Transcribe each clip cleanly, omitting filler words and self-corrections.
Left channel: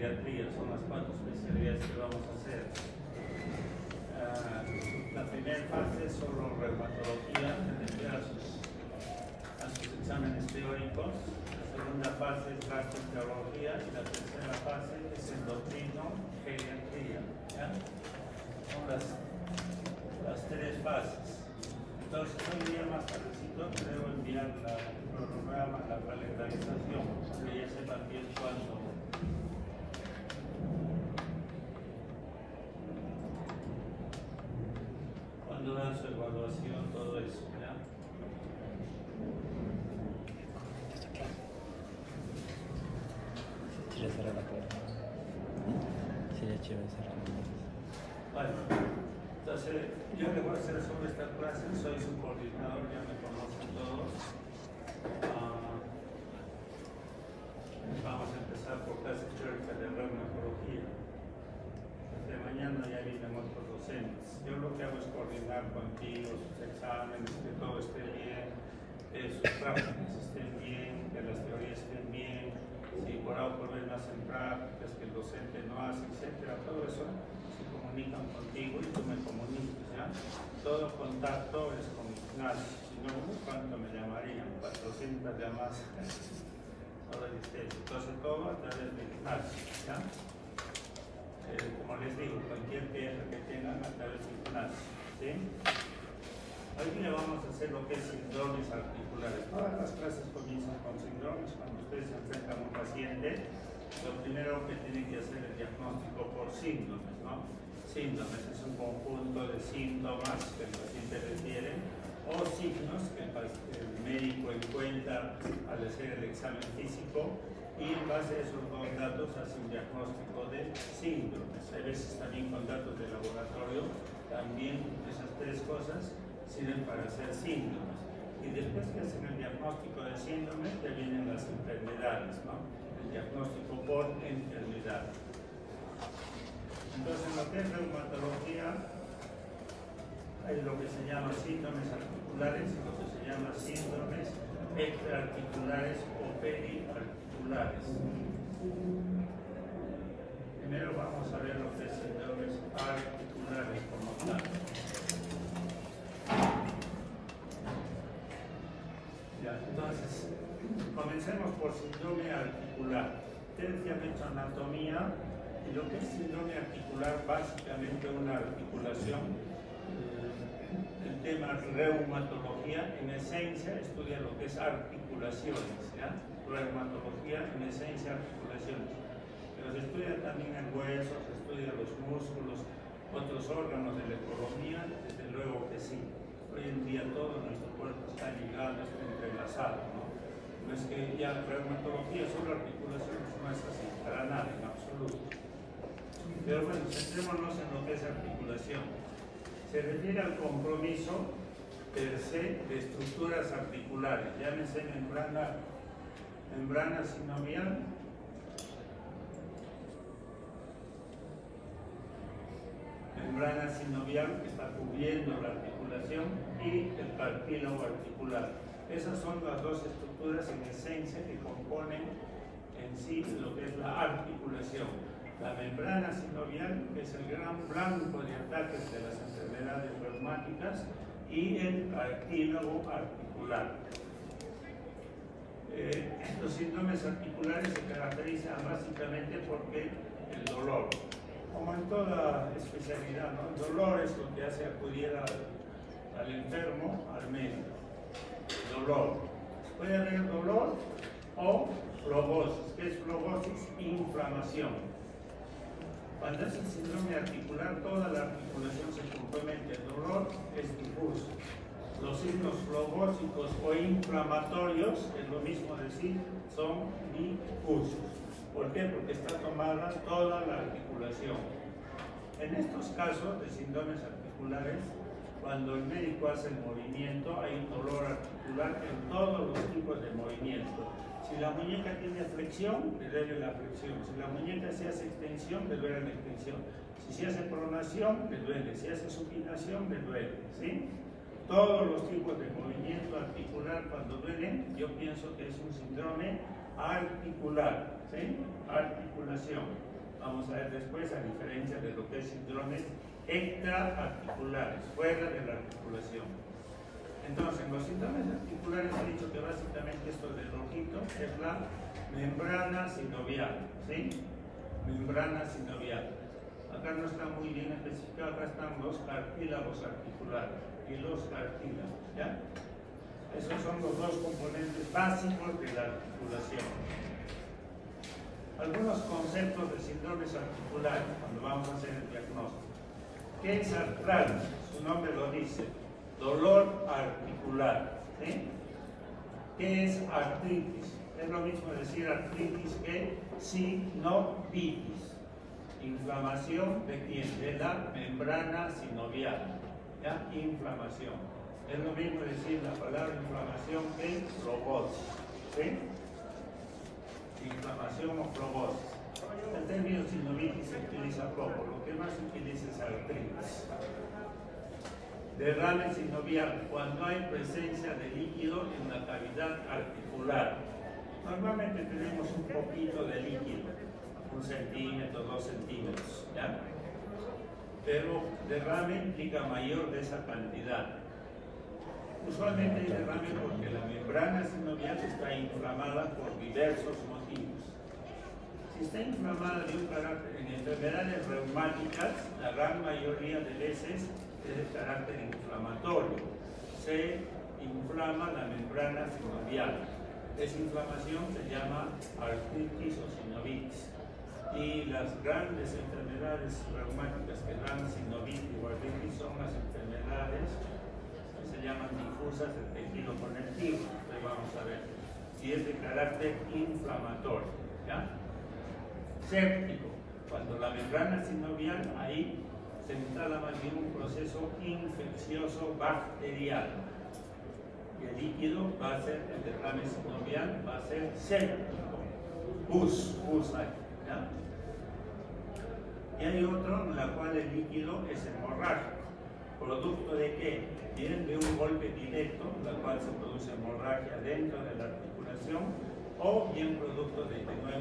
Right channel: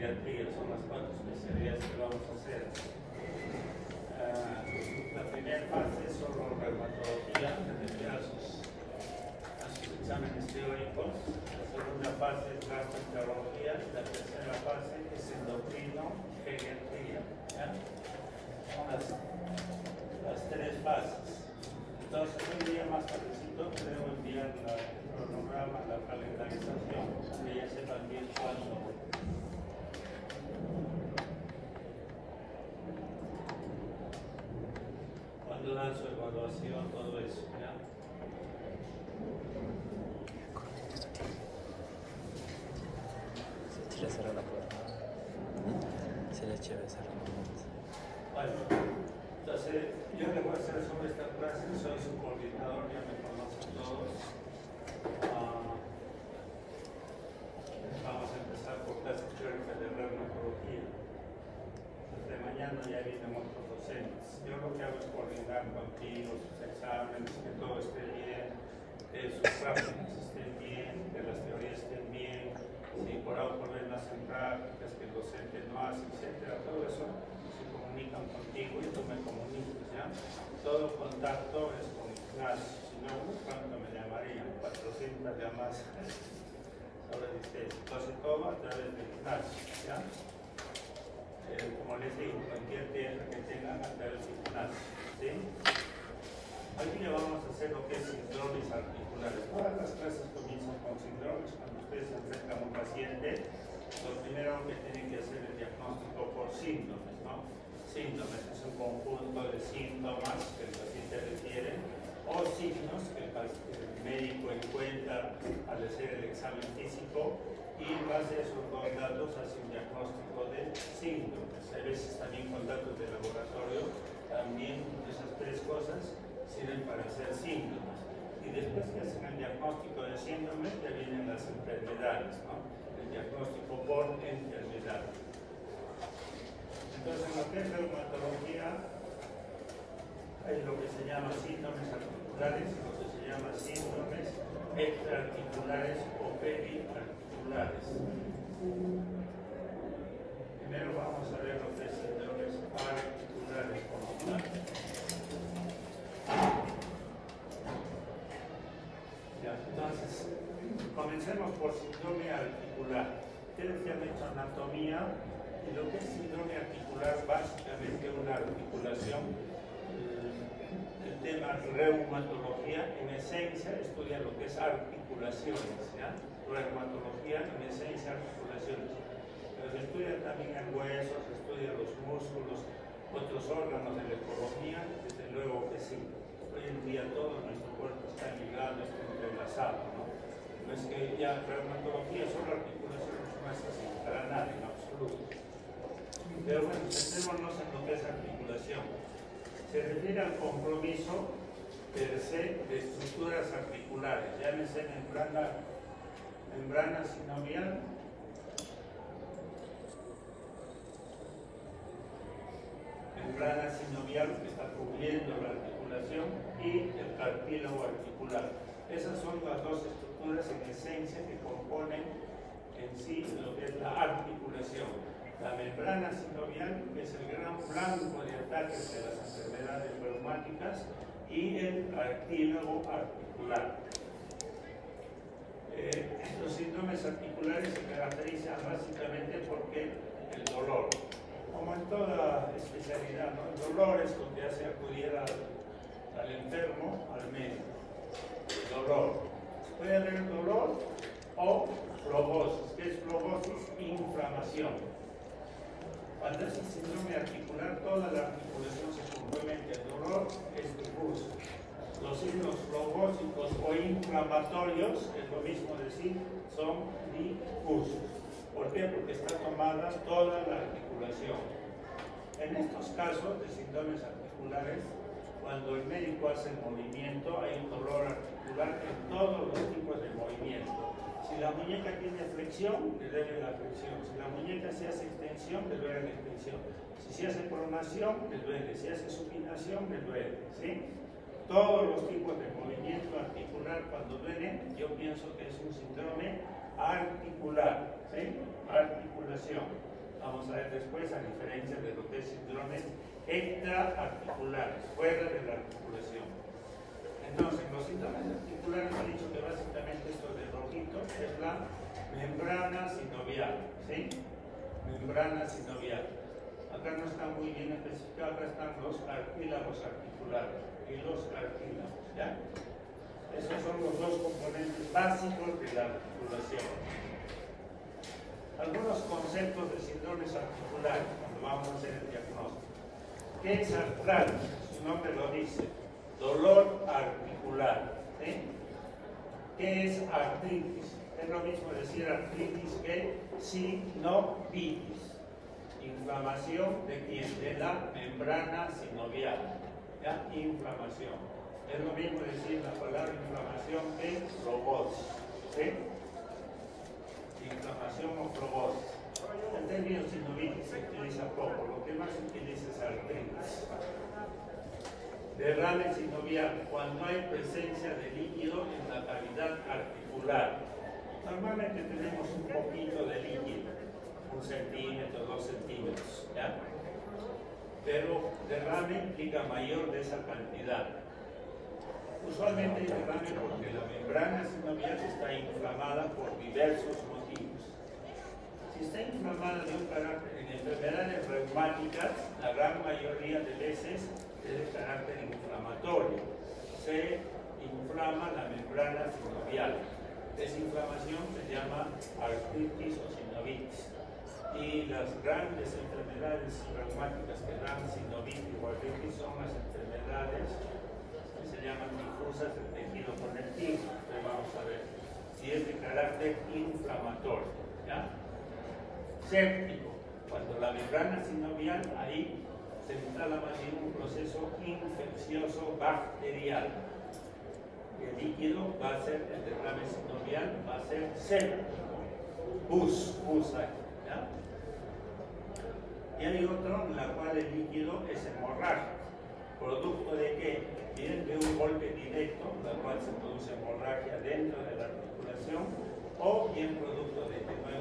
pediatría. Son las 4 especialidades que vamos a hacer. La primera fase es solo reumatología, a sus exámenes teóricos. La segunda fase es gastroenterología y la tercera fase es endocrino, pediatría. ¿Ya? Son las 3 fases. Entonces, un día más tardecito debo enviar el cronograma, la calendarización, que ya sepan bien cuándo dan su evaluación, todo eso. ¿Ya? Bueno, entonces yo le voy a hacer sobre esta clase, soy su coordinador, ya me conocen todos. Vamos a empezar por clase teórica de reumatología. Desde mañana ya vienen otros docentes. Yo lo que hago es coordinar contigo sus exámenes, que todo esté bien, que sus prácticas estén bien, que las teorías estén bien, si por algo problemas en prácticas que el docente no hace, etcétera. Todo eso se comunican contigo y tú me comunicas, ¿ya? Todo contacto es con Ignacio. Si no, ¿cuánto me llamarían? 400 llamadas. Entonces todo a través de Ignacio, ¿ya? Como les digo, cualquier pieza que tengan a través de Ignacio, ¿sí? Hoy día vamos a hacer lo que es síndromes articulares. Todas las clases comienzan con síndromes. Cuando ustedes se acercan a un paciente, lo primero que tienen que hacer es el diagnóstico por síndromes, ¿no? Síndromes es un conjunto de síntomas que el paciente refiere o signos que el médico encuentra al hacer el examen físico y en base a esos dos datos hace un diagnóstico de síndromes. A veces también con datos de laboratorio, también esas 3 cosas sirven para hacer síndromes. Y después que hacen el diagnóstico de síndromes, ya vienen las enfermedades, ¿no? El diagnóstico por enfermedad. Entonces, lo que es reumatología es lo que se llama síndromes articulares y lo que se llama síndromes extraarticulares o periarticulares. Primero vamos a ver lo que es síndromes articulares como tal. Ya, entonces, comencemos por síndrome articular. Ustedes ya han hecho anatomía y lo que es síndrome articular, básicamente una articulación. El tema reumatología, en esencia, estudia lo que es articulaciones, ¿ya? Reumatología, en esencia, articulaciones. Pero se estudia también el hueso, se estudia los músculos, otros órganos de la ecología, desde luego que sí. Hoy en día todo nuestro cuerpo está ligado, está entrelazado, ¿no? No es que ya reumatología solo articulaciones, no es así, para nada, en absoluto. Pero bueno, centrémonos en lo que es articulación. Se refiere al compromiso per se de estructuras articulares, llámese membrana sinovial, que está cubriendo la articulación, y el cartílago articular. Esas son las 2 estructuras en esencia que componen en sí lo que es la articulación. La membrana sinovial, que es el gran blanco de ataques de las enfermedades reumáticas, y el cartílago articular. Los síndromes articulares se caracterizan básicamente porque el dolor, como en toda especialidad, ¿no? El dolor es lo que hace acudir al enfermo, al médico. El dolor. Puede haber dolor o flebosis. ¿Qué es flebosis? Inflamación. Cuando es el síndrome articular, toda la articulación se compromete. El dolor es difuso. Los signos flebósicos o inflamatorios, es lo mismo decir, son difusos. ¿Por qué? Porque está tomada toda la articulación. En estos casos de síndromes articulares, cuando el médico hace el movimiento, hay un dolor articular en todos los tipos de movimiento. Si la muñeca tiene flexión, le duele la flexión. Si la muñeca se hace extensión, le duele la extensión. Si se hace pronación, le duele. Si hace supinación, le duele. ¿Sí? Todos los tipos de movimiento articular, cuando duelen, yo pienso que es un síndrome articular. ¿Sí? Articulación. vamos a ver después, a diferencia de lo que es síndromes extraarticulares, fuera de la articulación. Entonces, en los síndromes articulares he dicho que básicamente esto de rojito es la membrana sinovial, ¿sí? Membrana sinovial. Acá no está muy bien especificado, acá están los cartílagos articulares y los cartílagos, ¿ya? Esos son los dos componentes básicos de la articulación. Algunos conceptos de síndromes articulares, cuando vamos a hacer el diagnóstico. ¿Qué es artralgia? Su nombre lo dice, dolor articular, ¿sí? ¿Qué es artritis? Es lo mismo decir artritis que sinovitis. Inflamación de quién? De la membrana sinovial, ¿ya? Inflamación. Es lo mismo decir la palabra inflamación que fibrosis, ¿sí? Inflamación o fibrosis. El término sinovitis se utiliza poco, lo que más se utiliza es artritis. Derrame sinovial, cuando hay presencia de líquido en la cavidad articular. Normalmente tenemos un poquito de líquido, 1 centímetro, 2 centímetros, ¿ya? Pero derrame implica mayor de esa cantidad. Usualmente hay derrame porque la membrana sinovial está inflamada por diversos motivos. Si está inflamada de un carácter, en enfermedades reumáticas, la gran mayoría de veces es de carácter inflamatorio. Se inflama la membrana sinovial. Esa inflamación se llama artritis o sinovitis. Y las grandes enfermedades reumáticas que dan sinovitis o artritis son las enfermedades que se llaman difusas del tejido conectivo. Entonces vamos a ver si es de carácter inflamatorio, ¿ya? Séptico, cuando la membrana sinovial, ahí se instala más bien un proceso infeccioso bacterial. Y el líquido va a ser, el derrame sinovial va a ser séptico, pus ahí, ¿ya? Y hay otro en el cual el líquido es hemorrágico. ¿Producto de qué? Viene de un golpe directo, en el cual se produce hemorragia dentro de la articulación, o bien producto de que no hay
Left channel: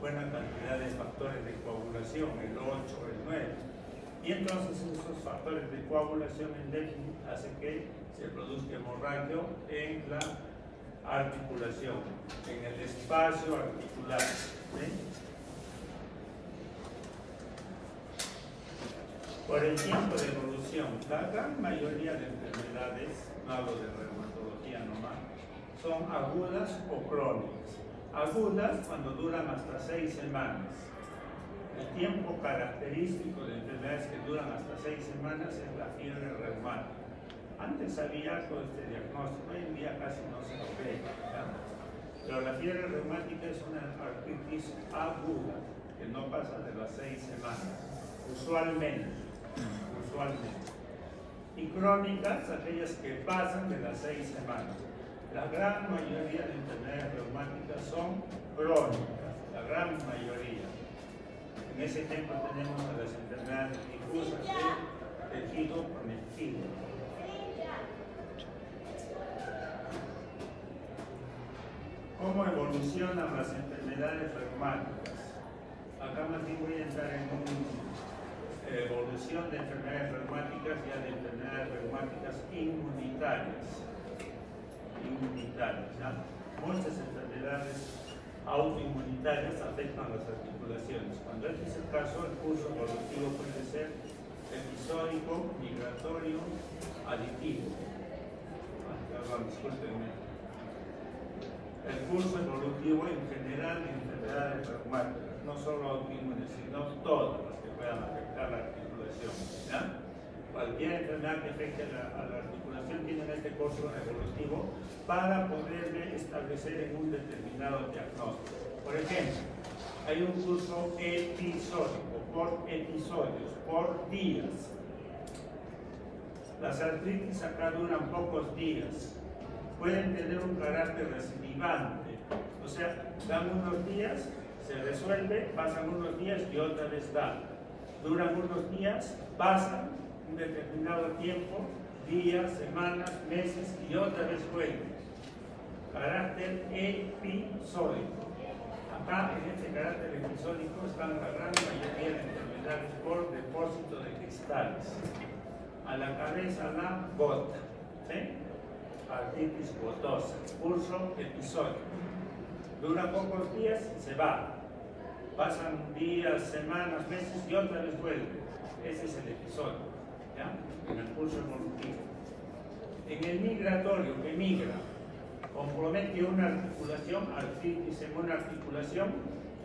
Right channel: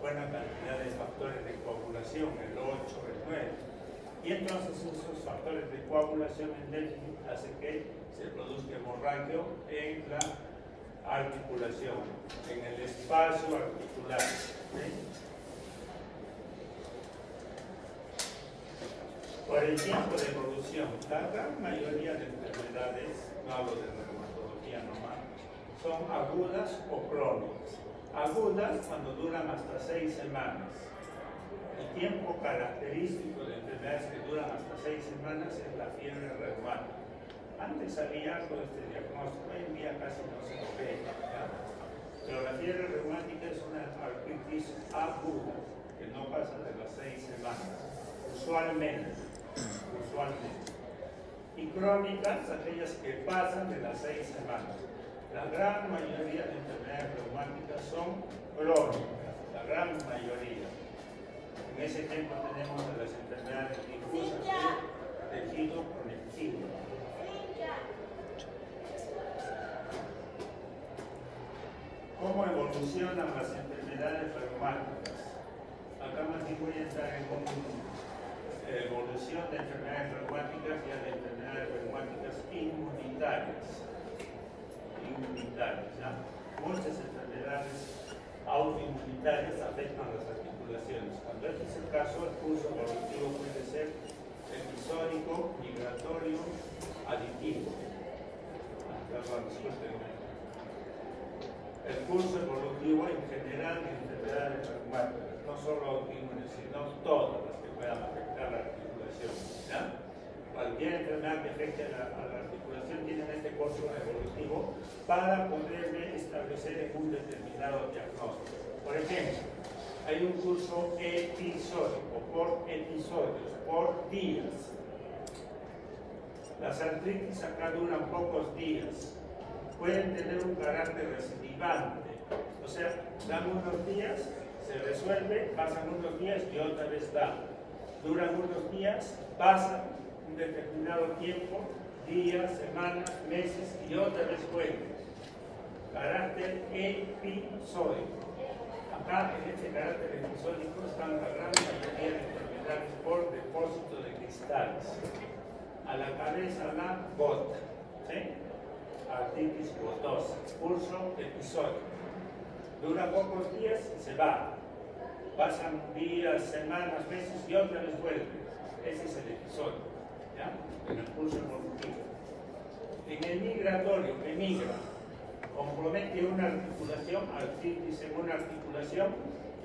buena cantidad de factores de coagulación, el 8, el 9. Y entonces esos factores de coagulación en déficit hacen que se produzca hemorragia en la articulación, en el espacio articular, ¿sí? Por el tiempo de evolución, la gran mayoría de enfermedades, no hablo de reumatología nomás, son agudas o crónicas. Agudas cuando duran hasta 6 semanas. El tiempo característico de enfermedades que duran hasta 6 semanas es la fiebre reumática. Antes había con este diagnóstico, hoy en día casi no se lo ve, ¿ya? Pero la fiebre reumática es una artritis aguda que no pasa de las 6 semanas, usualmente. Y crónicas, aquellas que pasan de las 6 semanas. La gran mayoría de enfermedades reumáticas son crónicas, la gran mayoría. En ese ejemplo tenemos las enfermedades difusas de tejido conectivo. ¿Cómo evolucionan las enfermedades reumáticas? Acá más bien voy a entrar en evolución de enfermedades reumáticas y de enfermedades reumáticas inmunitarias. ¿Ya? Muchas enfermedades autoinmunitarias afectan las articulaciones. Cuando este es el caso, el curso evolutivo puede ser episódico, migratorio, aditivo. Perdón, discúlpenme. El curso evolutivo en general de enfermedades reumáticas, no solo autoinmunes, sino todas las que puedan afectar la articulación, ¿ya? Cualquier enfermedad que afecte a la articulación tiene este curso evolutivo para poder establecer en un determinado diagnóstico. Por ejemplo, hay un curso episódico, por episodios, por días. Las artritis acá duran pocos días. Pueden tener un carácter recidivante, o sea, dan unos días, se resuelve, pasan unos días y otra vez dan. Duran unos días, pasan un determinado tiempo, días, semanas, meses y otra vez vuelve. Carácter episódico. Acá en este carácter episódico están la gran mayoría de enfermedades por depósito de cristales. A la cabeza la gota, ¿sí? Artritis gotosa, curso episódico. Dura pocos días y se va. Pasan días, semanas, meses y otra vez vuelve. Ese es el episodio, ¿ya? En el curso evolutivo. En el migratorio, que migra, compromete una articulación, artritis en una articulación,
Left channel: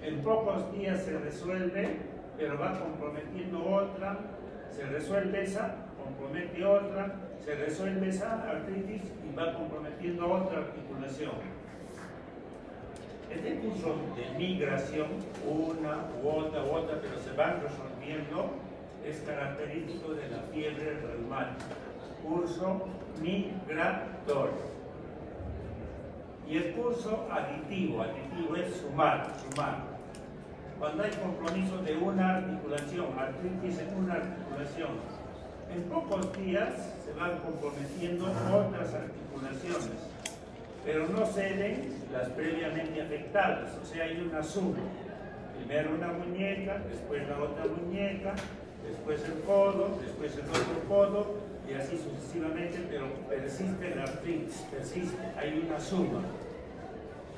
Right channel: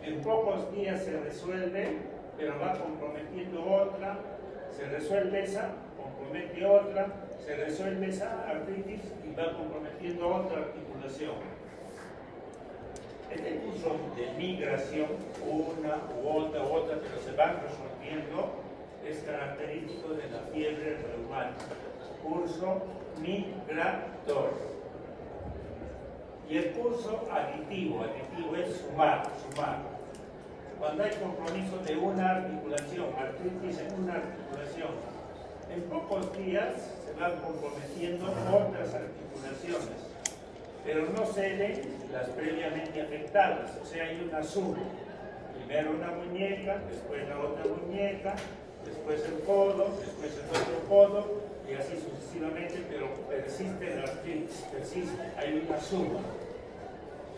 en pocos días se resuelve, pero va comprometiendo otra, se resuelve esa, compromete otra, se resuelve esa artritis y va comprometiendo otra articulación. Este curso de migración, una u otra, pero se van resolviendo, es característico de la fiebre reumática. Curso migratorio. Y el curso aditivo es sumar. Cuando hay compromiso de una articulación, artritis en una articulación, en pocos días se van comprometiendo otras articulaciones, pero no ceden las previamente afectadas, o sea, hay una suma. Primero una muñeca, después la otra muñeca, después el codo, después el otro codo, y así sucesivamente, pero persiste la artritis, persiste, hay una suma.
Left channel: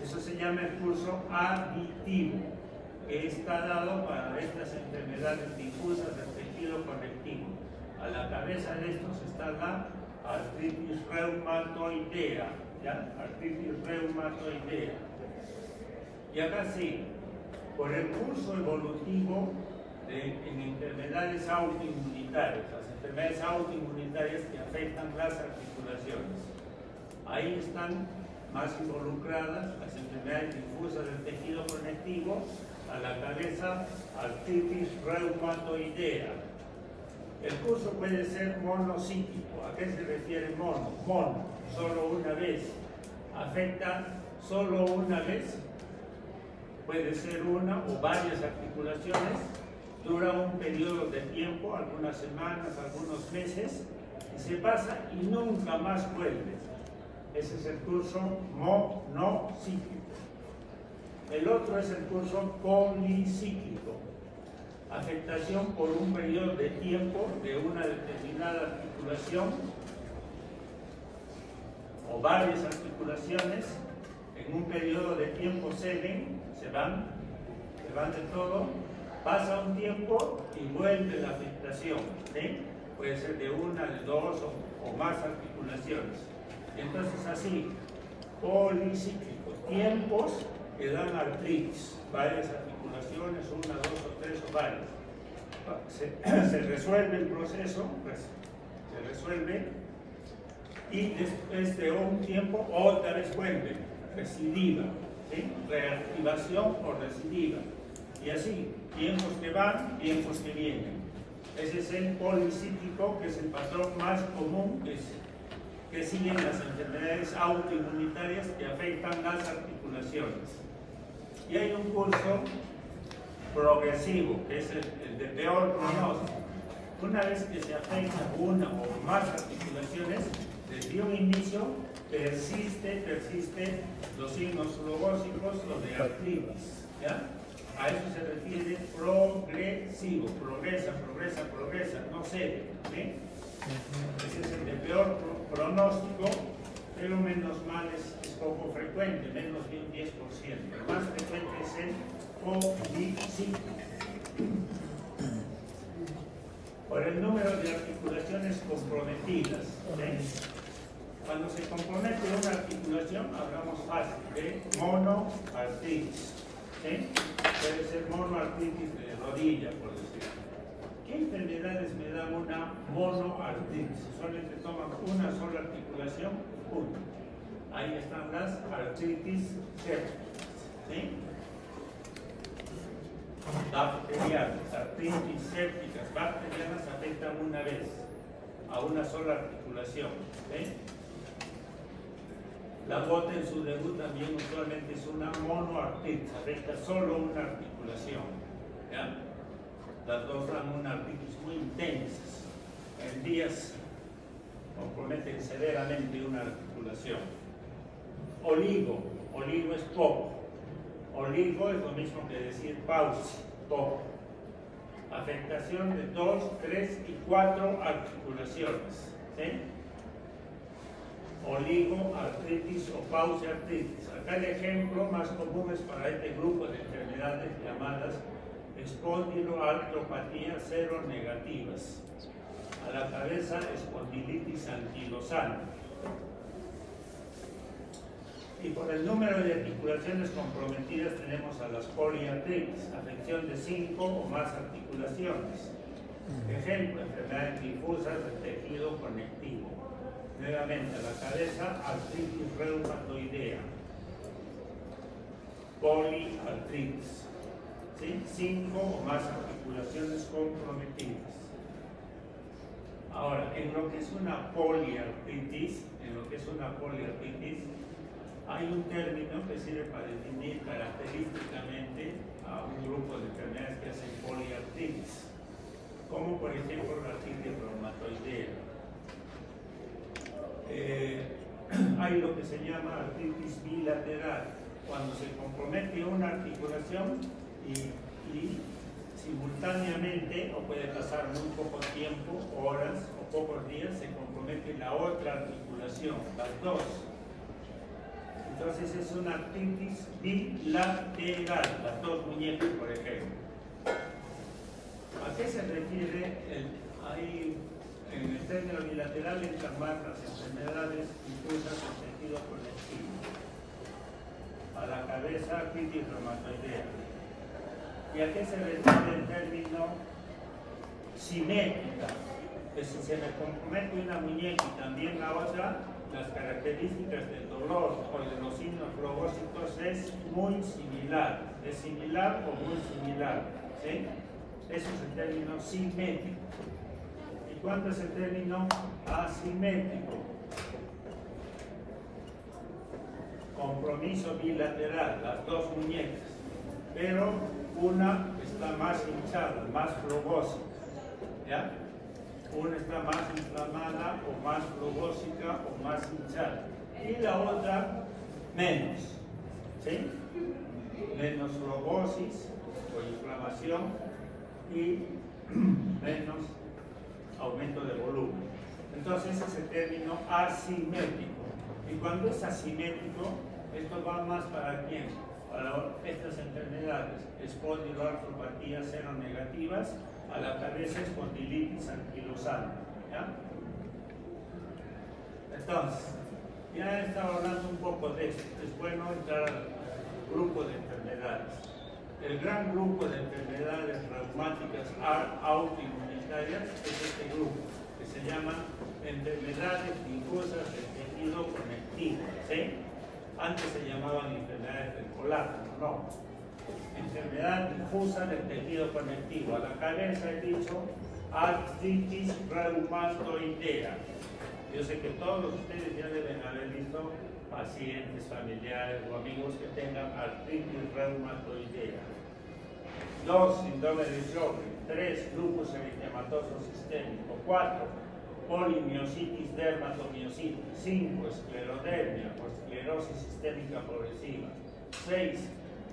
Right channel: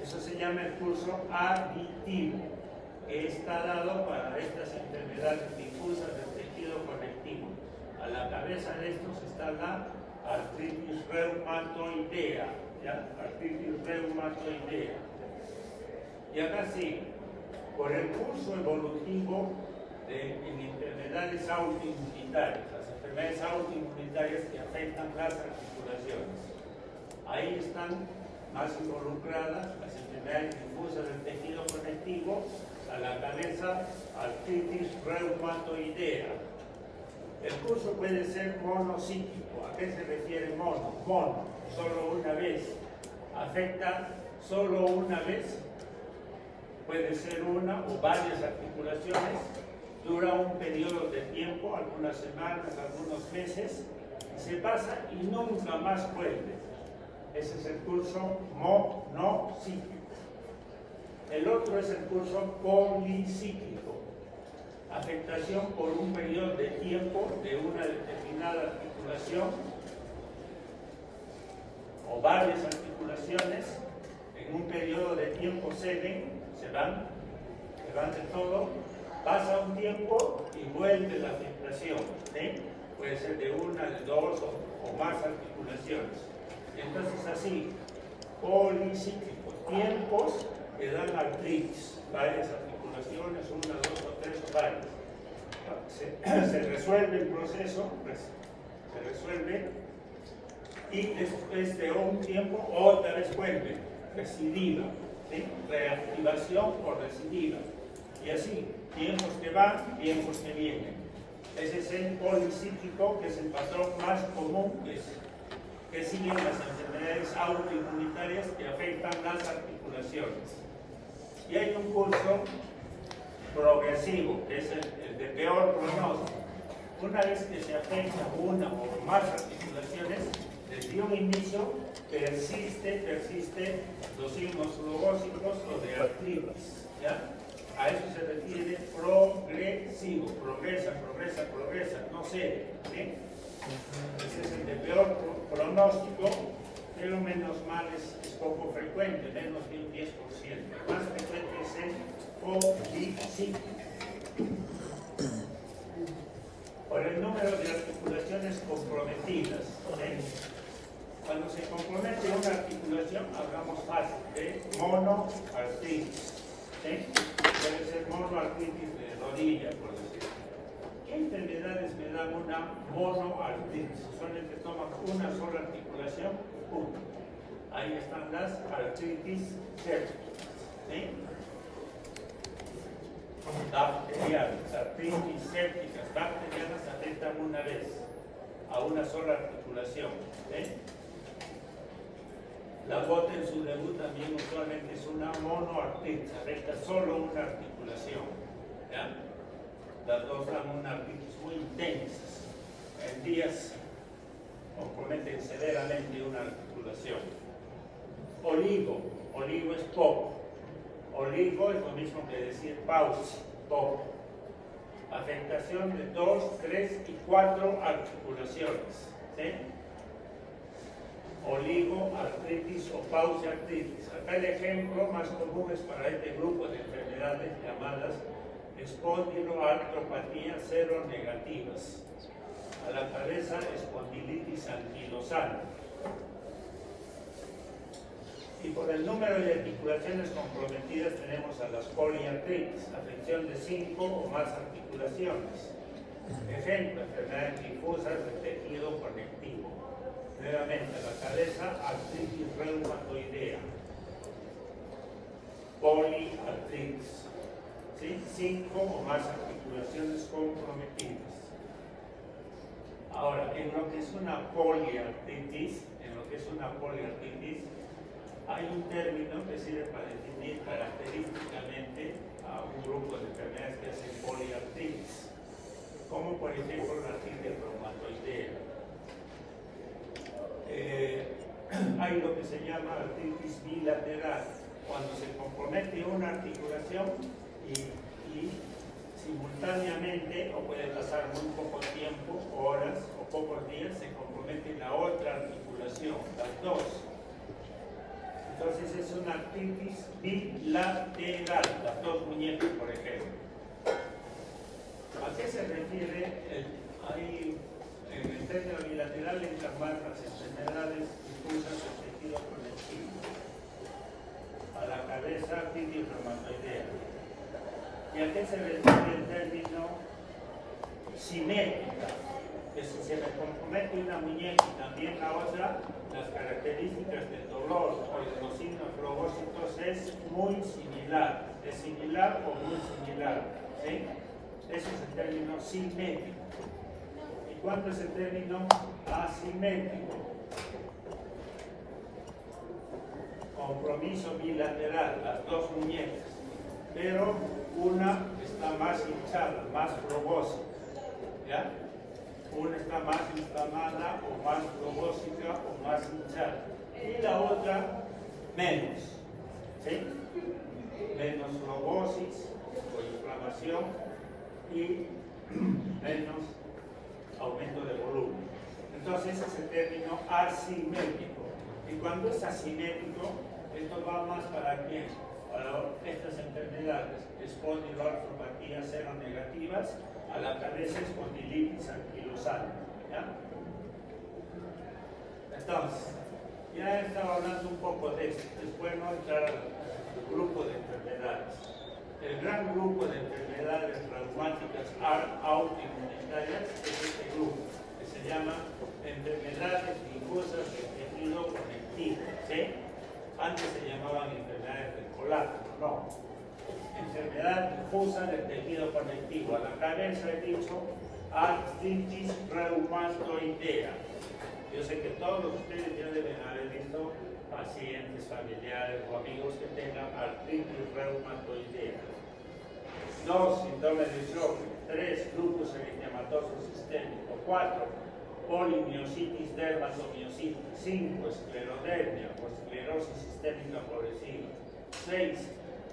Eso se llama el curso aditivo, que está dado para estas enfermedades difusas del tejido conectivo. A la cabeza de estos está la artritis reumatoidea, ¿ya? Artritis reumatoidea. Y acá sí, por el curso evolutivo en enfermedades autoinmunitarias, las enfermedades autoinmunitarias que afectan las articulaciones. Ahí están más involucradas las enfermedades difusas del tejido conectivo, a la cabeza artritis reumatoidea. El curso puede ser monocíclico. ¿A qué se refiere mono? Mono, solo una vez. Afecta solo una vez. Puede ser una o varias articulaciones. Dura un periodo de tiempo, algunas semanas, algunos meses, y se pasa y nunca más vuelve. Ese es el curso monocíclico. El otro es el curso policíclico. Afectación por un periodo de tiempo de una determinada articulación o varias articulaciones. En un periodo de tiempo ceden, se van de todo, pasa un tiempo y vuelve la afectación, ¿sí? Puede ser de una, de dos o más articulaciones. Entonces así, policíclico, tiempos que dan artritis, varias articulaciones, una, dos o tres o varias. Se resuelve el proceso, pues, se resuelve y después de un tiempo otra vez vuelve, recidiva, ¿sí? Reactivación o recidiva. Y así, tiempos que van, tiempos que vienen. Ese es el policíclico, que es el patrón más común que siguen las enfermedades autoinmunitarias que afectan las articulaciones. Y hay un curso progresivo, que es el de peor pronóstico. Una vez que se afecta una o más articulaciones, desde un inicio persiste los signos flogósicos o de artritis, ¿ya? A eso se refiere progresivo, progresa, no cede, ¿sí? Ese es el de peor pronóstico, pero menos mal es poco frecuente, menos de un 10%. El más frecuente es el policíclico. Por el número de articulaciones comprometidas, ¿sí? Cuando se compromete una articulación, hablamos fácil de monoartritis, ¿sí? Puede ser monoartritis de rodilla, por decir. ¿Qué enfermedades me da una monoartritis? Solamente toman una sola articulación, una. Ahí están las artritis sépticas, ¿sí? Bacterianas, artritis sépticas, bacterianas afectan una vez, a una sola articulación, ¿sí? La gota en su debut también usualmente es una monoartritis, afecta solo una articulación, ¿ya? Las dos dan una artritis muy intensas, en días comprometen severamente una articulación. Oligo es poco, Oligo es lo mismo que decir pausa, poco. Afectación de 2, 3 y 4 articulaciones. ¿Sí? Oligoartritis o pausiartritis. Acá el ejemplo más común es para este grupo de enfermedades llamadas espondiloartropatía seronegativas. A la cabeza, espondilitis anquilosana. Y por el número de articulaciones comprometidas tenemos a las poliartritis, afección de 5 o más articulaciones. Ejemplo, enfermedades difusas del tejido conectivo. Nuevamente, a la cabeza, artritis reumatoidea. Poliartritis. ¿Sí? 5 o más articulaciones comprometidas. Ahora, en lo que es una poliartritis, hay un término que sirve para definir característicamente a un grupo de enfermedades que hacen poliartritis, como por ejemplo la artritis reumatoidea. Hay lo que se llama artritis bilateral, cuando se compromete una articulación y simultáneamente, o puede pasar muy poco tiempo, horas o pocos días, se compromete la otra articulación, las dos. Entonces es una artritis bilateral, las dos muñecas, por ejemplo. ¿A qué se refiere? En el término bilateral entran más las enfermedades difusas del tejido conectivo. A la cabeza, artritis reumatoidea. ¿Y a qué se refiere el término simétrica? Que si se me compromete una muñeca y también la otra, las características del dolor o de los signos flogócitos es muy similar. ¿Es similar o muy similar? ¿Sí? Ese es el término simétrico. ¿Y cuánto es el término asimétrico? Compromiso bilateral, las dos muñecas, pero una está más hinchada, más flogócita, ¿ya? Una está más inflamada o más flogócica o más hinchada, y la otra menos, ¿sí? Menos flogosis o inflamación y menos aumento de volumen. Entonces ese es el término asimétrico. Y cuando es asimétrico, esto va más para quién? Para estas enfermedades, espondiloartropatías seronegativas, a la cabeza espondilitis anquilosana. ¿Ya? Entonces, ya he estado hablando un poco de esto. Es bueno entrar al grupo de enfermedades. El gran grupo de enfermedades reumáticas autoinmunitarias es este grupo, que se llaman enfermedades difusas del tejido conectivo. ¿Sí? Antes se llamaban enfermedades del colágeno, no. Enfermedad difusa del tejido conectivo. A la cabeza he dicho artritis reumatoidea. Yo sé que todos ustedes ya deben haber visto pacientes, familiares o amigos que tengan artritis reumatoidea. 2, síndrome de Sjögren. 3, lupus eritematoso sistémico. 4, polimiositis dermatomiositis. 5, esclerodermia o esclerosis sistémica progresiva. 6,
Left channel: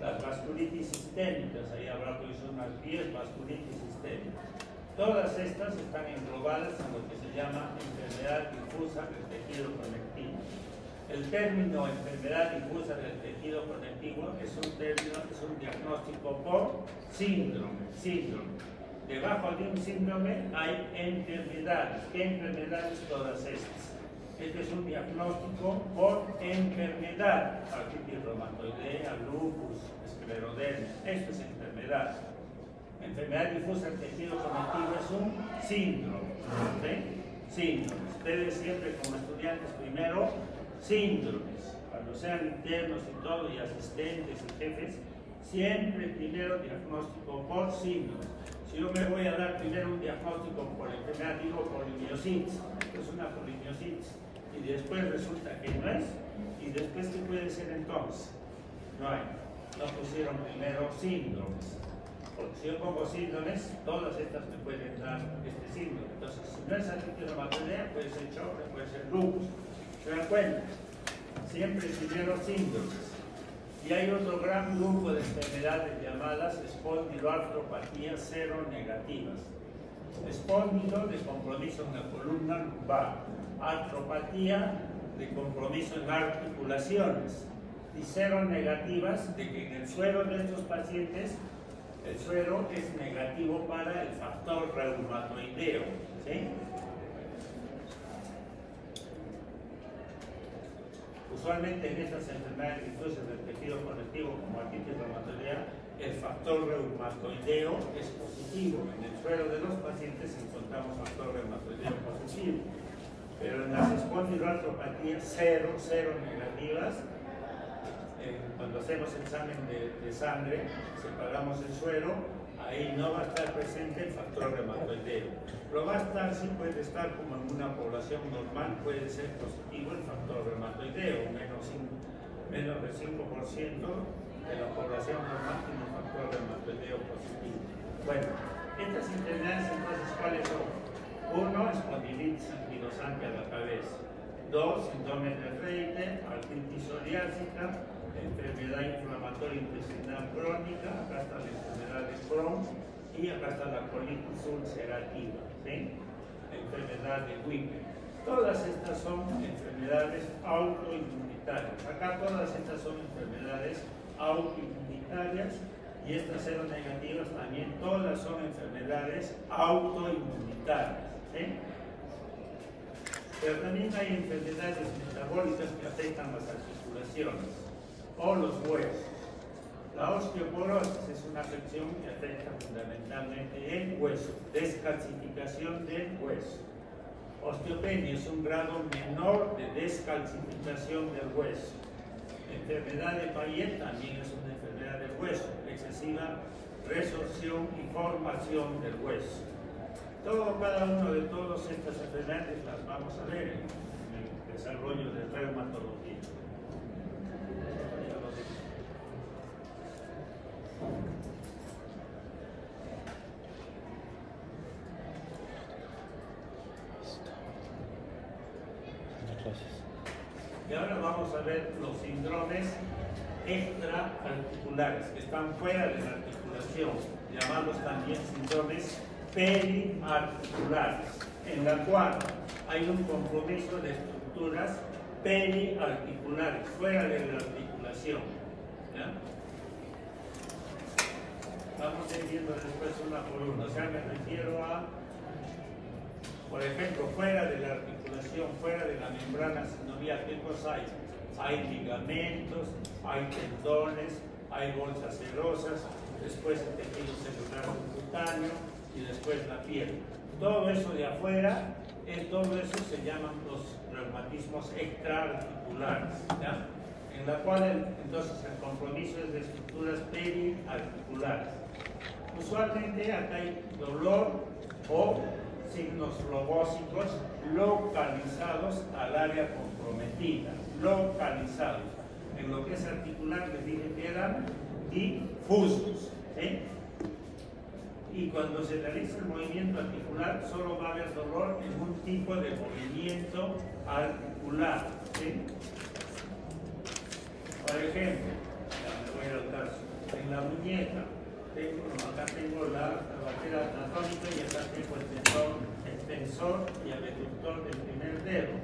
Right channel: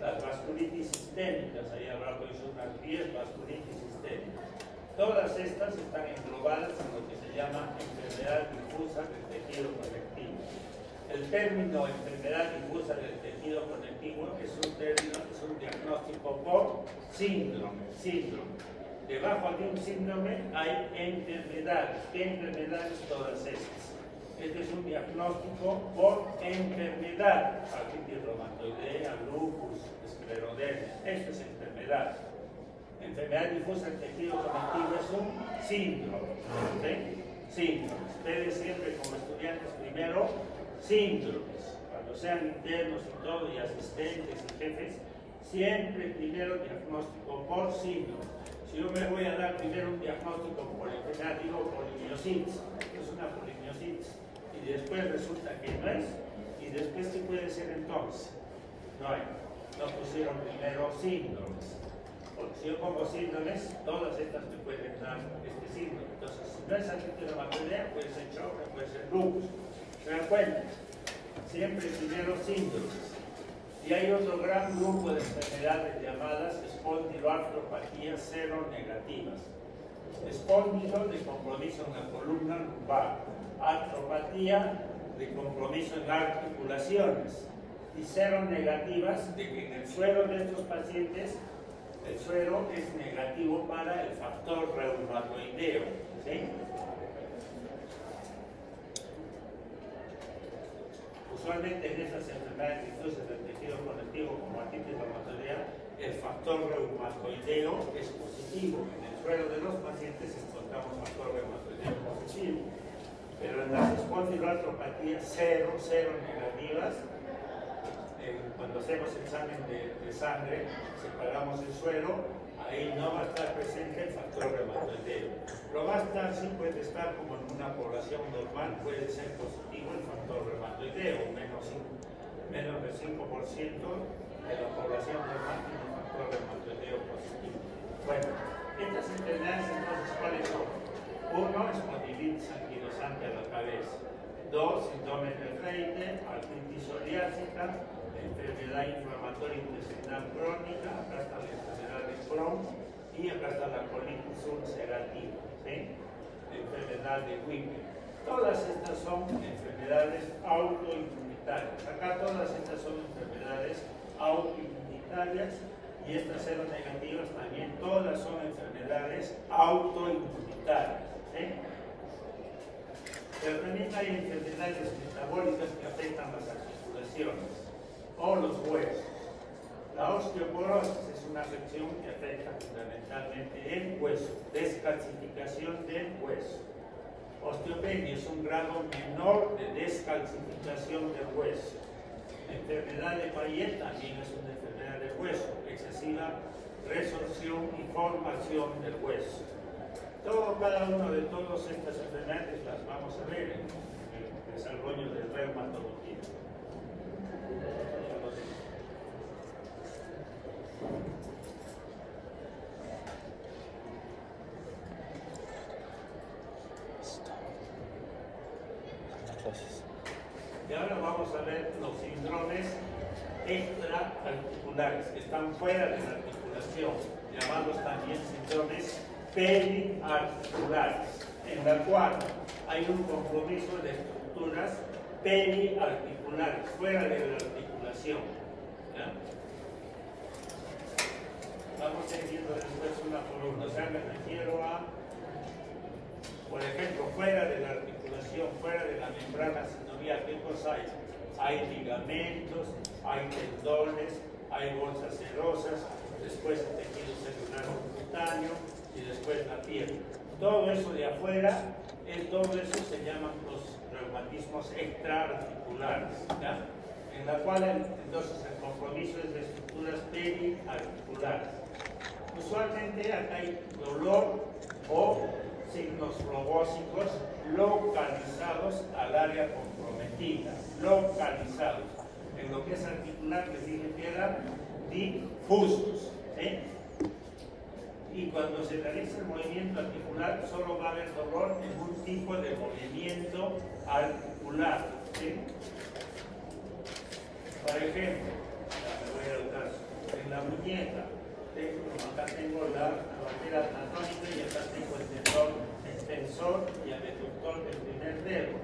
las vasculitis sistémicas, ahí habrá pues unas 10 vasculitis sistémicas. Todas estas están englobadas en lo que se llama enfermedad difusa del tejido conectivo. El término enfermedad difusa del tejido conectivo es un diagnóstico por síndrome. Debajo de un síndrome hay enfermedades. ¿Qué enfermedades? Todas estas. Este es un diagnóstico por enfermedad. Artritis reumatoidea, lupus, esclerodermia. Esto es enfermedad. Enfermedad difusa del tejido conectivo es un síndrome. ¿Sí? Síndrome. Ustedes siempre como estudiantes primero, síndromes. Cuando sean internos y todo, y asistentes y jefes, siempre primero diagnóstico por síndrome. Si yo me voy a dar primero un diagnóstico por enfermedad, digo polimiositis, es una polimiositis, y después resulta que no es, y después ¿qué puede ser entonces? No pusieron primero síndromes, porque si yo pongo síndromes, todas estas me pueden dar este síndrome. Entonces, si no es artritis reumatoidea, puede ser Sjögren, puede ser lupus. ¿Se dan cuenta? Siempre primero síndromes. Y hay otro gran grupo de enfermedades llamadas espondiloartropatías seronegativas. Espóndilo, de compromiso en la columna lumbar. Artropatía, de compromiso en articulaciones. Y seronegativas, de que en el suero de estos pacientes el suero es negativo para el factor reumatoideo. ¿Sí? Usualmente en estas enfermedades difusos del tejido conectivo como artritis reumatoidea, el factor reumatoideo es positivo. En el suero de los pacientes encontramos factor reumatoideo positivo. Pero en las espondiloartropatías cero negativas, cuando hacemos examen de sangre, separamos el suero, ahí no va a estar presente el factor reumatoideo. Lo va a estar, sí puede estar como en una población normal, puede ser positivo el factor reumatoideo, menos del 5% de la población normal tiene un factor reumatoideo positivo. Bueno, estas enfermedades entonces, ¿cuáles son? 1, espondilitis anquilosante a la cabeza. 2, síndrome de Raynaud, artritis psoriásica, enfermedad inflamatoria intestinal crónica, acá está la enfermedad de Crohn y acá está la colitis ulcerativa, ¿sí? Enfermedad de Weber. Todas estas son enfermedades autoinmunitarias. Acá todas estas son enfermedades autoinmunitarias y estas seronegativas también, todas son enfermedades autoinmunitarias, ¿sí? Pero también hay enfermedades metabólicas que afectan las articulaciones o los huesos. La osteoporosis es una afección que afecta fundamentalmente el hueso, descalcificación del hueso. Osteopenia es un grado menor de descalcificación del hueso. Enfermedad de Payet también es una enfermedad del hueso, excesiva resorción y formación del hueso. Cada uno de todas estas enfermedades las vamos a ver en el desarrollo de reumatología. Y ahora vamos a ver los síndromes extraarticulares, que están fuera de la articulación, llamados también síndromes periarticulares, en la cual hay un compromiso de estructuras periarticulares, fuera de la articulación. ¿Ya? Vamos a ir viendo después una por una. O sea, me refiero a, por ejemplo, fuera de la articulación, fuera de la membrana sinovial, ¿qué cosa hay? Hay ligamentos, hay tendones, hay bolsas serosas, después el tejido celular subcutáneo y después la piel. Todo eso de afuera, todo eso se llaman los reumatismos extraarticulares, ¿ya? En la cual entonces el compromiso es de estructuras periarticulares. Usualmente acá hay dolor o signos robósicos localizados al área comprometida, localizados. En lo que es articular les dije que eran difusos, ¿sí? Y cuando se realiza el movimiento articular solo va a haber dolor en un tipo de movimiento articular, ¿sí? Por ejemplo, me voy a ir al caso, en la muñeca, acá tengo la barrera anatómica y acá tengo el tendón extensor y el reductor del primer dedo.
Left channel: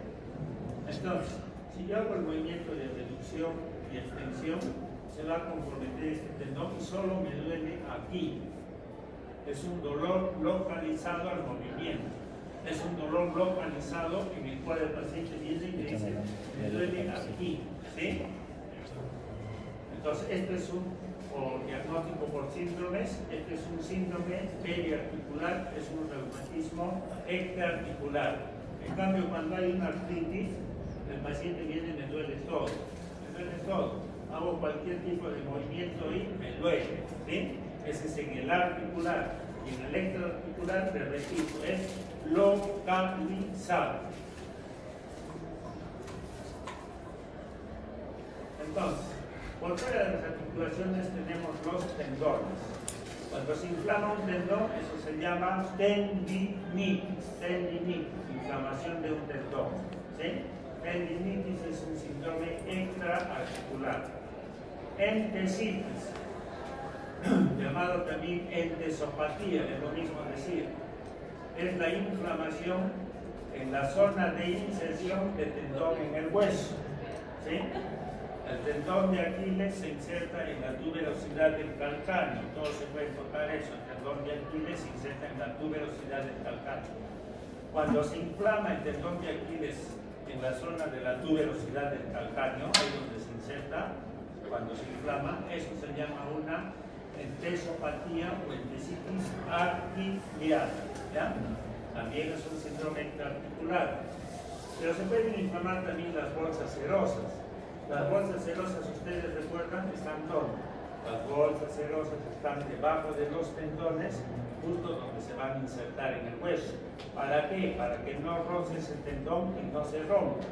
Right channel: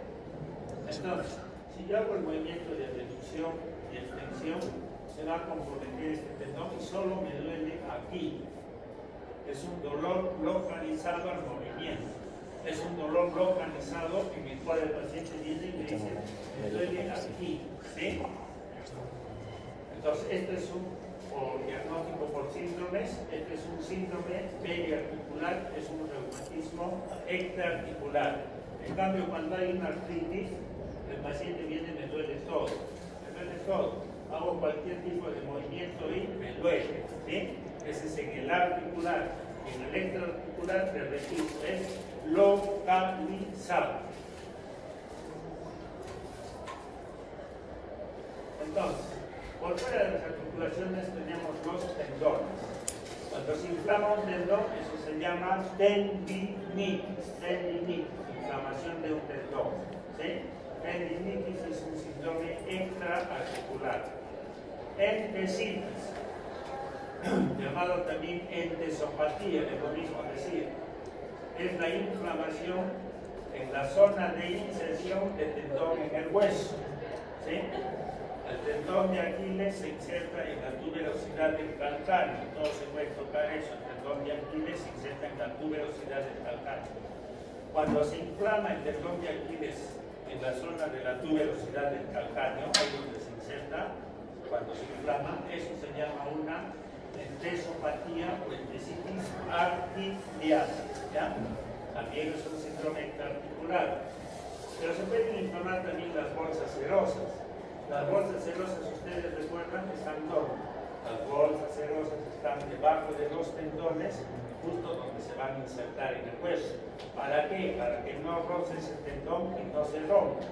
Entonces, si yo hago el movimiento de reducción y extensión, se va a comprometer este tendón y solo me duele aquí. Es un dolor localizado al movimiento. Es un dolor localizado en el cual el paciente viene y me dice, me duele aquí, ¿sí? Entonces, este es un diagnóstico por síndromes, este es un síndrome periarticular, es un reumatismo extraarticular. En cambio, cuando hay una artritis, el paciente viene y me duele todo, hago cualquier tipo de movimiento y me duele, ¿sí? Ese es en el articular. Y en el extraarticular, me repito, es localizado. Entonces, por fuera de las articulaciones tenemos los tendones. Cuando se inflama un tendón, eso se llama tendinitis, inflamación de un tendón, ¿sí? Tendinitis es un síndrome extraarticular. Entesitis, llamado también entesopatía, es lo mismo decir. Es la inflamación en la zona de inserción de tendón en el hueso. ¿Sí? El tendón de Aquiles se inserta en la tuberosidad del calcáneo. Todos se puede tocar eso. El tendón de Aquiles se inserta en la tuberosidad del calcáneo. Cuando se inflama el tendón de Aquiles en la zona de la tuberosidad del calcáneo, ahí donde se inserta, cuando se inflama, eso se llama una entesopatía o entesitis articular. ¿Ya? También es un síndrome articular. Pero se pueden inflamar también las bolsas serosas. Las bolsas serosas, ustedes recuerdan, están ¿dónde? Las bolsas serosas están debajo de los tendones, justo donde se van a insertar en el hueso. ¿Para qué? Para que no roce ese tendón y no se rompa.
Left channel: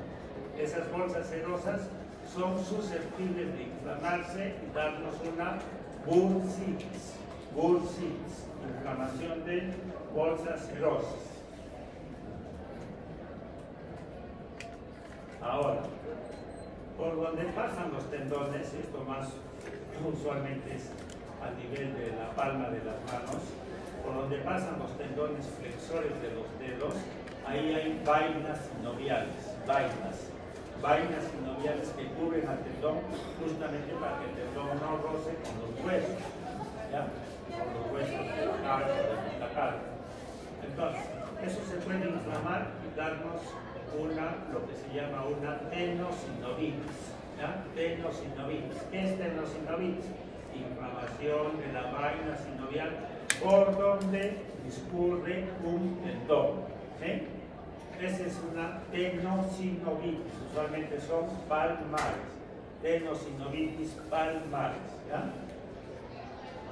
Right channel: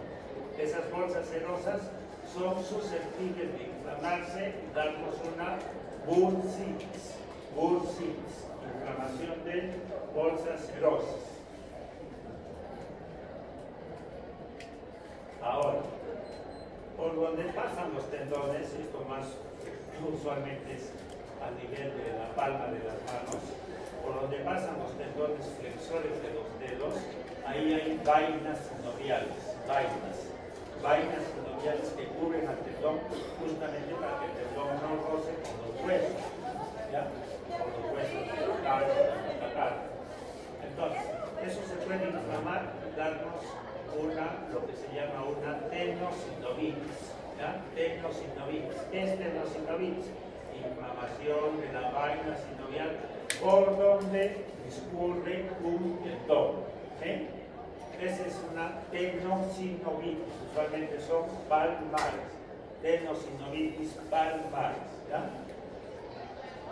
Esas bolsas serosas son susceptibles de inflamarse y darnos una bursitis. Bursitis, inflamación de bolsas serosas. Ahora, por donde pasan los tendones, esto más usualmente es al nivel de la palma de las manos, por donde pasan los tendones flexores de los dedos, ahí hay vainas sinoviales, vainas sinoviales que cubren al tendón justamente para que el tendón no roce con los huesos, ¿ya? Con los huesos de la cara. Entonces, eso se puede inflamar y darnos lo que se llama una tenosinovitis. ¿Ya? Tenosinovitis. ¿Qué es tenosinovitis? Inflamación de la vaina sinovial por donde discurre un tendón. ¿Sí? Esa es una tenosinovitis. Usualmente son palmares. Tenosinovitis palmares. ¿Ya?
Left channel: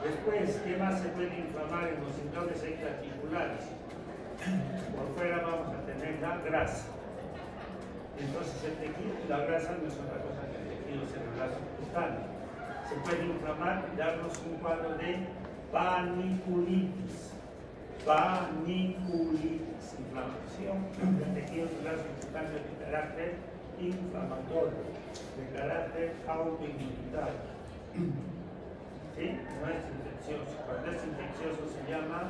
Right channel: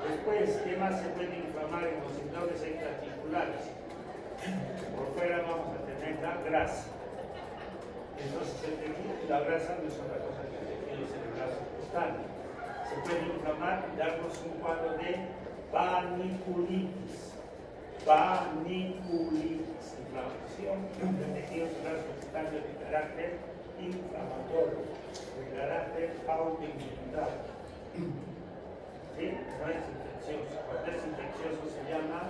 Después, ¿qué más se puede inflamar en los tendones extraarticulares? Por fuera vamos a tener la grasa. Entonces el tejido, la grasa no es otra cosa que el tejido cerebral subcutáneo. Se puede inflamar y darnos un cuadro de paniculitis. Paniculitis, inflamación del tejido cerebral subcutáneo de carácter inflamatorio, de carácter autoinmunitario. ¿Sí? No es infeccioso. Cuando es infeccioso se llama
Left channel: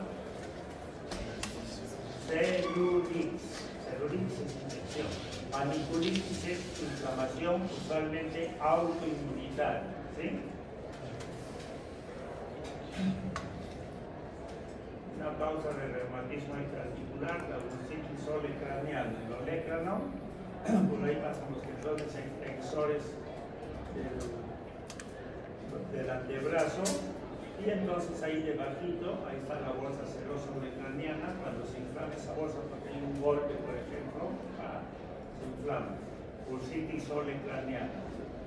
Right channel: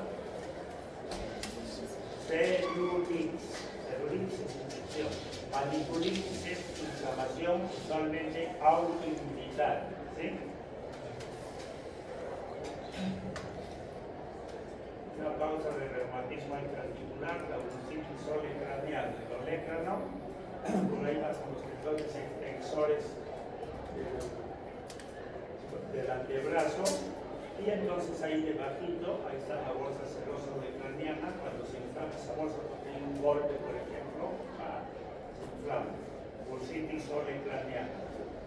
celulitis. Celulitis es infección. Paniculitis es inflamación usualmente autoinmunitaria. ¿Sí? Una causa de reumatismo articular, la bursitis olecraniana. El olecrano, por ahí pasan los tendones extensores del antebrazo, y entonces ahí debajito, ahí está la bolsa serosa olecraniana. Cuando se inflama esa bolsa porque hay un golpe, por ejemplo, se inflama. Bursitis olecraniana.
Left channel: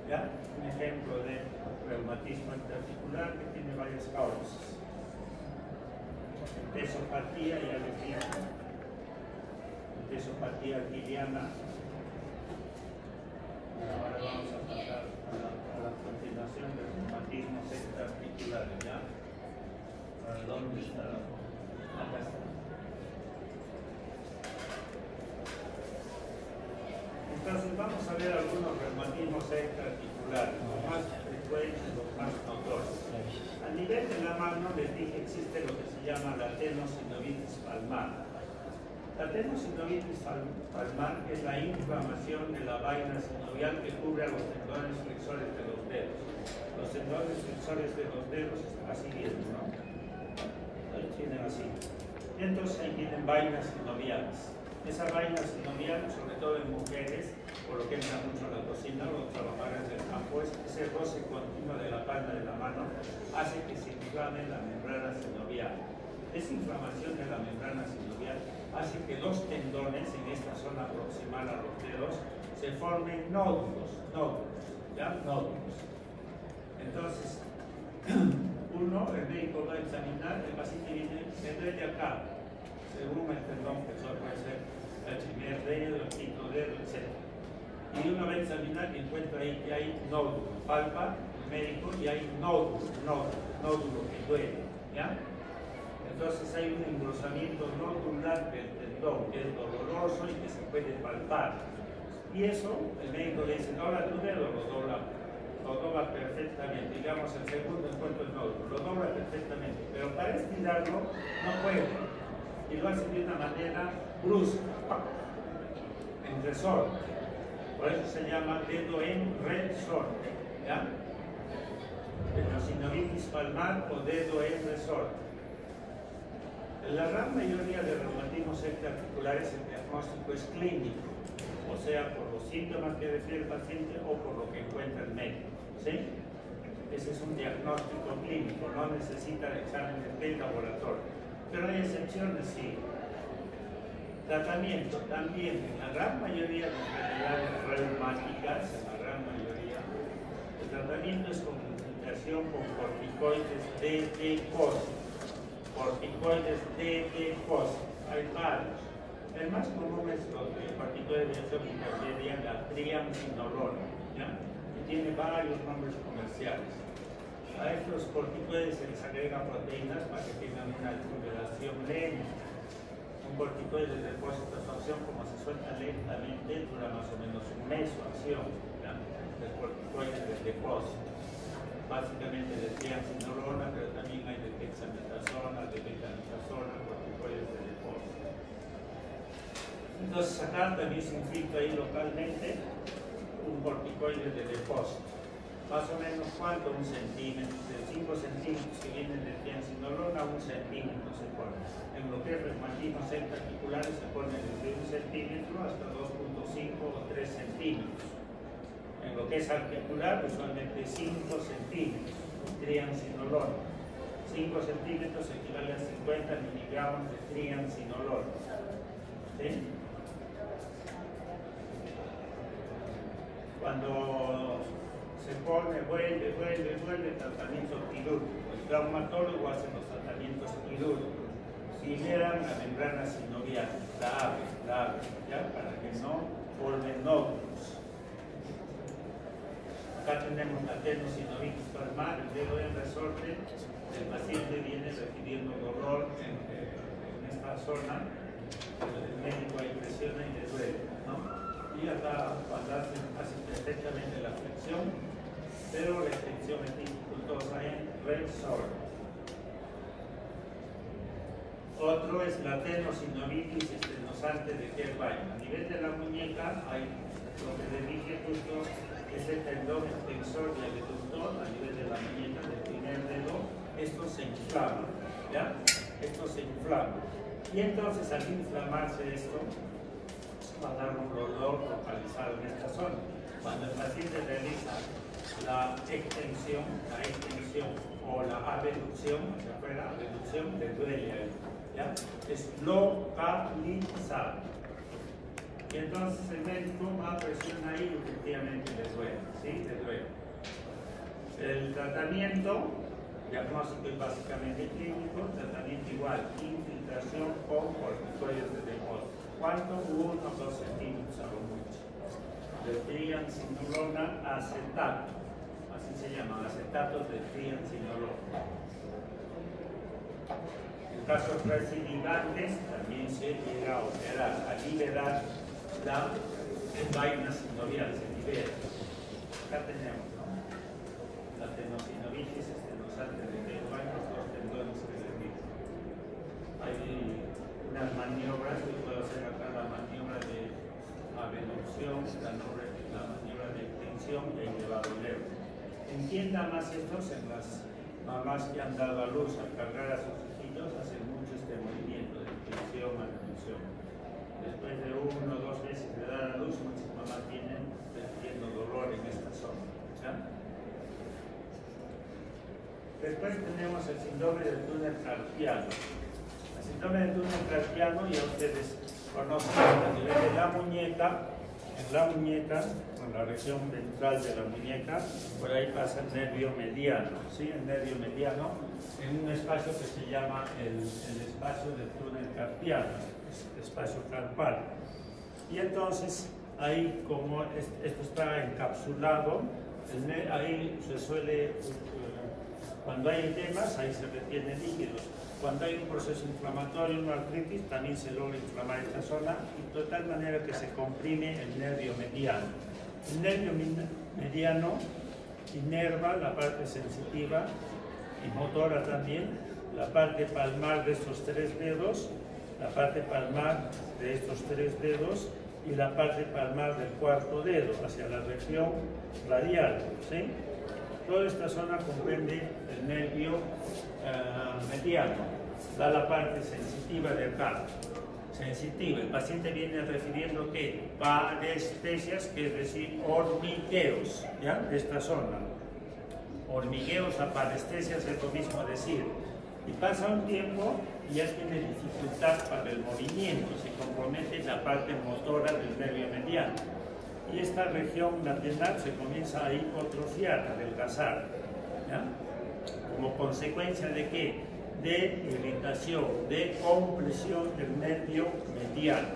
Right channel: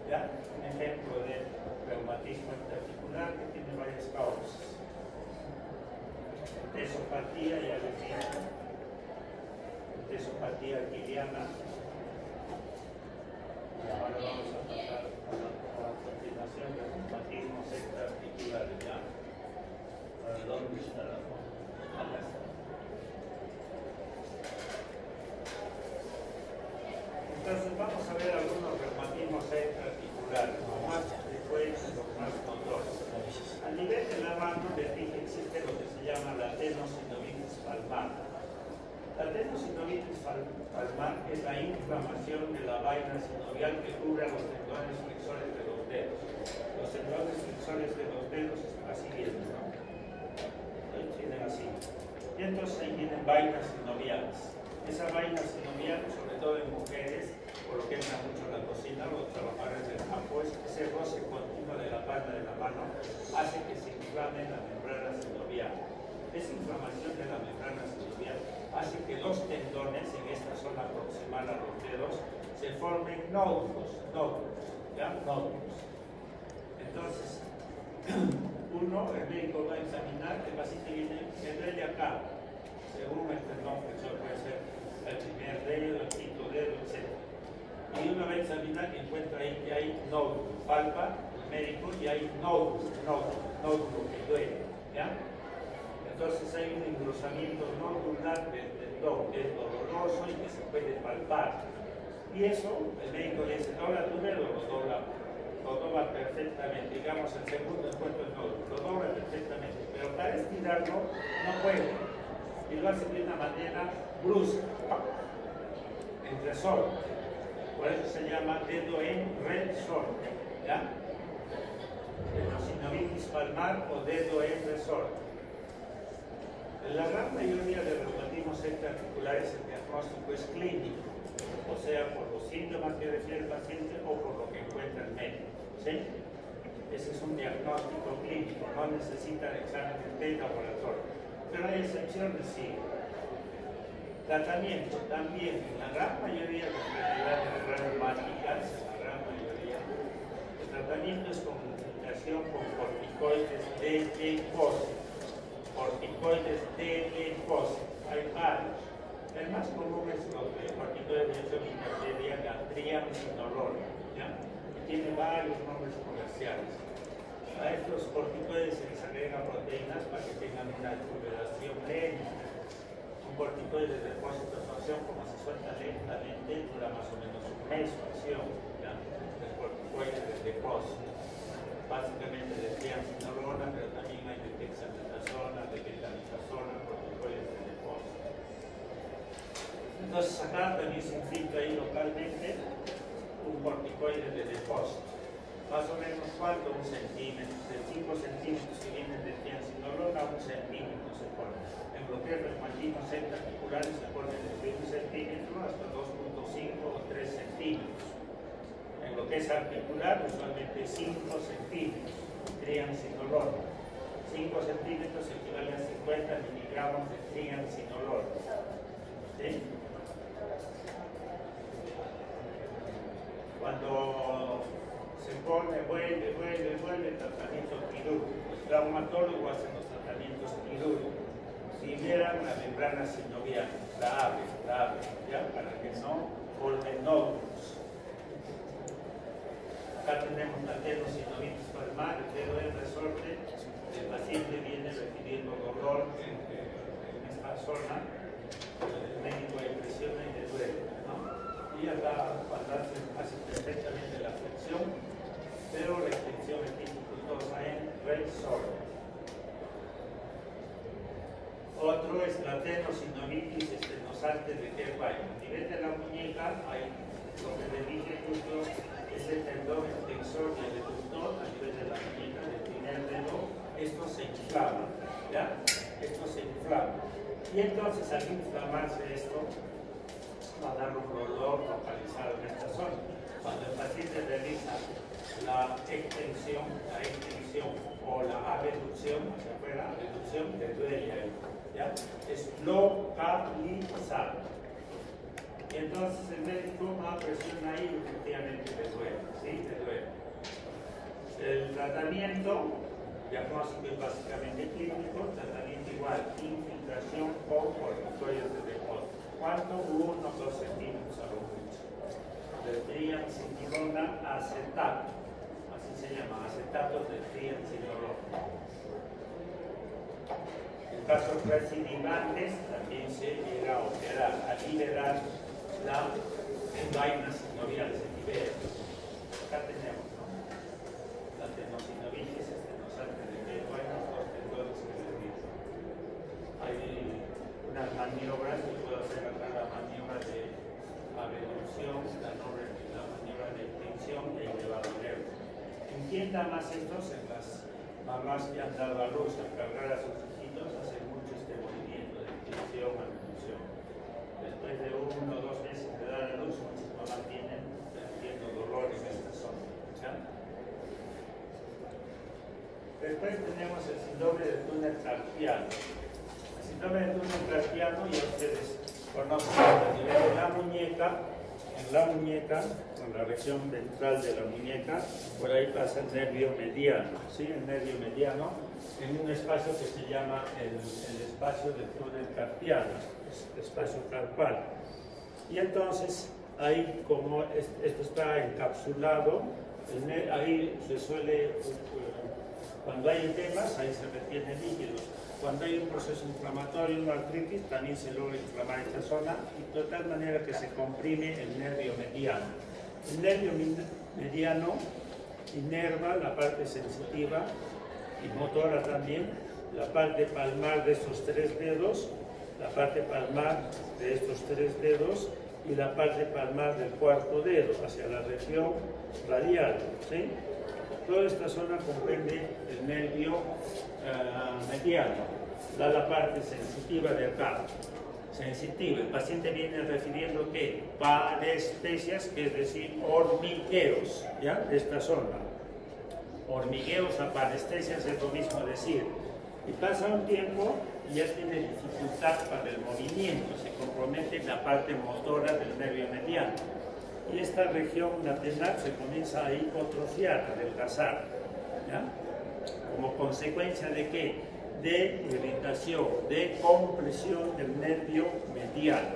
¿Ya? Un ejemplo de reumatismo articular que tiene varias causas. Entesopatía, ya les dije. Entesopatía arquiliana. Ahora vamos a pasar a la continuación de reumatismos extraarticulares. ¿Ya? ¿Dónde está la foto? Acá está. Entonces vamos a ver algunos reumatismos extraarticulares, los más frecuentes, los más notorios. A nivel de la mano les dije existe lo que se llama la tenosinovitis palmar. La tenosinovitis palmar es la inflamación de la vaina sinovial que cubre a los tendones flexores de los dedos. Los tendones flexores de los dedos así vienen, ¿no? Ahí tienen así. Y entonces ahí tienen vainas sinoviales. Esa vaina sinovial, sobre todo en mujeres, por lo que entra mucho a la cocina, los trabajadores del campo, ese roce continuo de la palma de la mano hace que se inflame la membrana sinovial. Esa inflamación de la membrana sinovial hace que los tendones en esta zona proximal a los dedos se formen nódulos, ¿ya? Nódulos. Entonces, el médico va a examinar, el paciente viene, se duele acá, según el tendón flexor puede ser el primer dedo, el quinto dedo, etc. Y uno va a examinar que encuentra ahí que hay nódulo, palpa el médico y hay nódulo que duele, ¿ya? Entonces hay un engrosamiento nodular del tendón que es doloroso y que se puede palpar. Y eso, el médico le dice, dobla tu dedo, lo dobla. lo dobla perfectamente, digamos el segundo encuentro el nódulo, lo dobla perfectamente, pero para estirarlo no puede, y lo hace de una manera brusca, en resorte, por eso se llama dedo en resorte, ¿ya? Tendinosinovich palmar o dedo en resorte. En la gran mayoría de reumatismos articulares el diagnóstico es clínico, o sea, por los síntomas que refiere el paciente o por lo que encuentra el médico, ¿sí? Ese es un diagnóstico clínico, no necesita exámenes de laboratorio, pero hay excepciones, sí. Tratamiento también, en la gran mayoría de enfermedades reumáticas, en la gran mayoría, el tratamiento es con comunicación con corticoides de depósito. Corticoides de depósito, hay varios. El más común es los de corticoides de acción intracerebral, la triamcinolona, ¿ya? Que tiene varios nombres comerciales. A estos corticoides se les agregan proteínas para que tengan una recuperación lenta. Un corticoide de depósito de acción, como se suelta lentamente, dura más o menos un mes su acción, ¿ya? El corticoide de depósito. Básicamente de triamcinolona, pero también hay de dexametasona, de betametazonas, corticoides de depósito. Entonces acá también se infiltra ahí localmente un corticoide de depósito. Más o menos cuánto, 1 centímetro, de 5 centímetros que vienen de triamcinolona, 1 centímetro se pone. En lo que es reumatismos articulares se pone desde 1 centímetro hasta 2.5 o 3 centímetros. En lo que es articular, usualmente 5 centímetros, triamcinolona. 5 centímetros equivale a 50 miligramos de triamcinolona. ¿Sí? Cuando se pone, vuelve, tratamiento quirúrgico. El traumatólogo hace los tratamientos quirúrgicos. Liberan la membrana sinovial, la abre, ¿ya? Para que no formen nódulos. Acá tenemos la tendinosinovich palmar, el dedo en resorte. El paciente viene refiriendo dolor en esta zona. El médico impresiona y le duele, ¿no? Y acá cuando hace perfectamente la flexión, pero la flexión es dificultosa en resorte. Otro es la tendinosinovich estenosante de Kerbein. A nivel de la muñeca hay lo que le dije justo, ese tendón extensor y el aductor a nivel de la muñeca del primer dedo. Esto se inflama, ¿ya? Esto se inflama. Y entonces al inflamarse esto, va a dar un dolor localizado en esta zona. Cuando el paciente realiza la extensión o la abducción hacia afuera, abducción, le duele ahí, ¿ya? Es localizado. Y entonces el médico va a presionar ahí y efectivamente le duele, ¿sí? Le duele. El tratamiento diagnóstico es básicamente clínico, tratamiento igual, infiltración con corticoides de depósito. ¿Cuánto? 1 o 2 centímetros a lo mucho. De triamcinolona acetato, así se llama, acetatos de triamcinolona. En casos recidivantes también se llega a operar, a liberar la vaina sinovial, se libera. Acá tenemos, ¿no? La tendinosinovich estenosante de Kerbein, los dos tendones que se dividen. Hay unas maniobras que puedo hacer acá, la maniobra de abducción, la maniobra de extensión y el elevador. Entienda más estos en las mamás que han dado a luz al cargar a sus hijitos, hacen mucho este movimiento de extensión a abducción. Después de 1 o 2 veces de dar a luz, muchas mamás vienen teniendo dolor en esta zona, ¿ya? Después tenemos el síndrome del túnel carpiano. El síndrome del túnel carpiano, ya ustedes conocen a nivel de la muñeca, en la región ventral de la muñeca, por ahí pasa el nervio mediano, ¿sí? El nervio mediano, en un espacio que se llama el espacio del túnel carpiano, el espacio carpal. Y entonces, ahí como esto está encapsulado, ahí se suele, cuando hay edemas, ahí se retienen líquidos. Cuando hay un proceso inflamatorio, una artritis, también se logra inflamar esta zona, de tal manera que se comprime el nervio mediano. El nervio mediano inerva, la parte sensitiva y motora también, la parte palmar de estos 3 dedos, la parte palmar de estos 3 dedos y la parte palmar del 4.º dedo hacia la región radial, ¿sí? Toda esta zona comprende el nervio mediano, da la parte sensitiva de acá. Sensitiva, el paciente viene refiriendo que parestesias, que es decir, hormigueos, ¿ya? De esta zona. Hormigueos a parestesias es lo mismo decir. Y pasa un tiempo y ya tiene dificultad para el movimiento, se compromete la parte motora del nervio mediano. Y esta región lateral se comienza a hipotrofiar, a adelgazar, ¿ya? Como consecuencia de ¿qué? De irritación, de compresión del nervio mediano,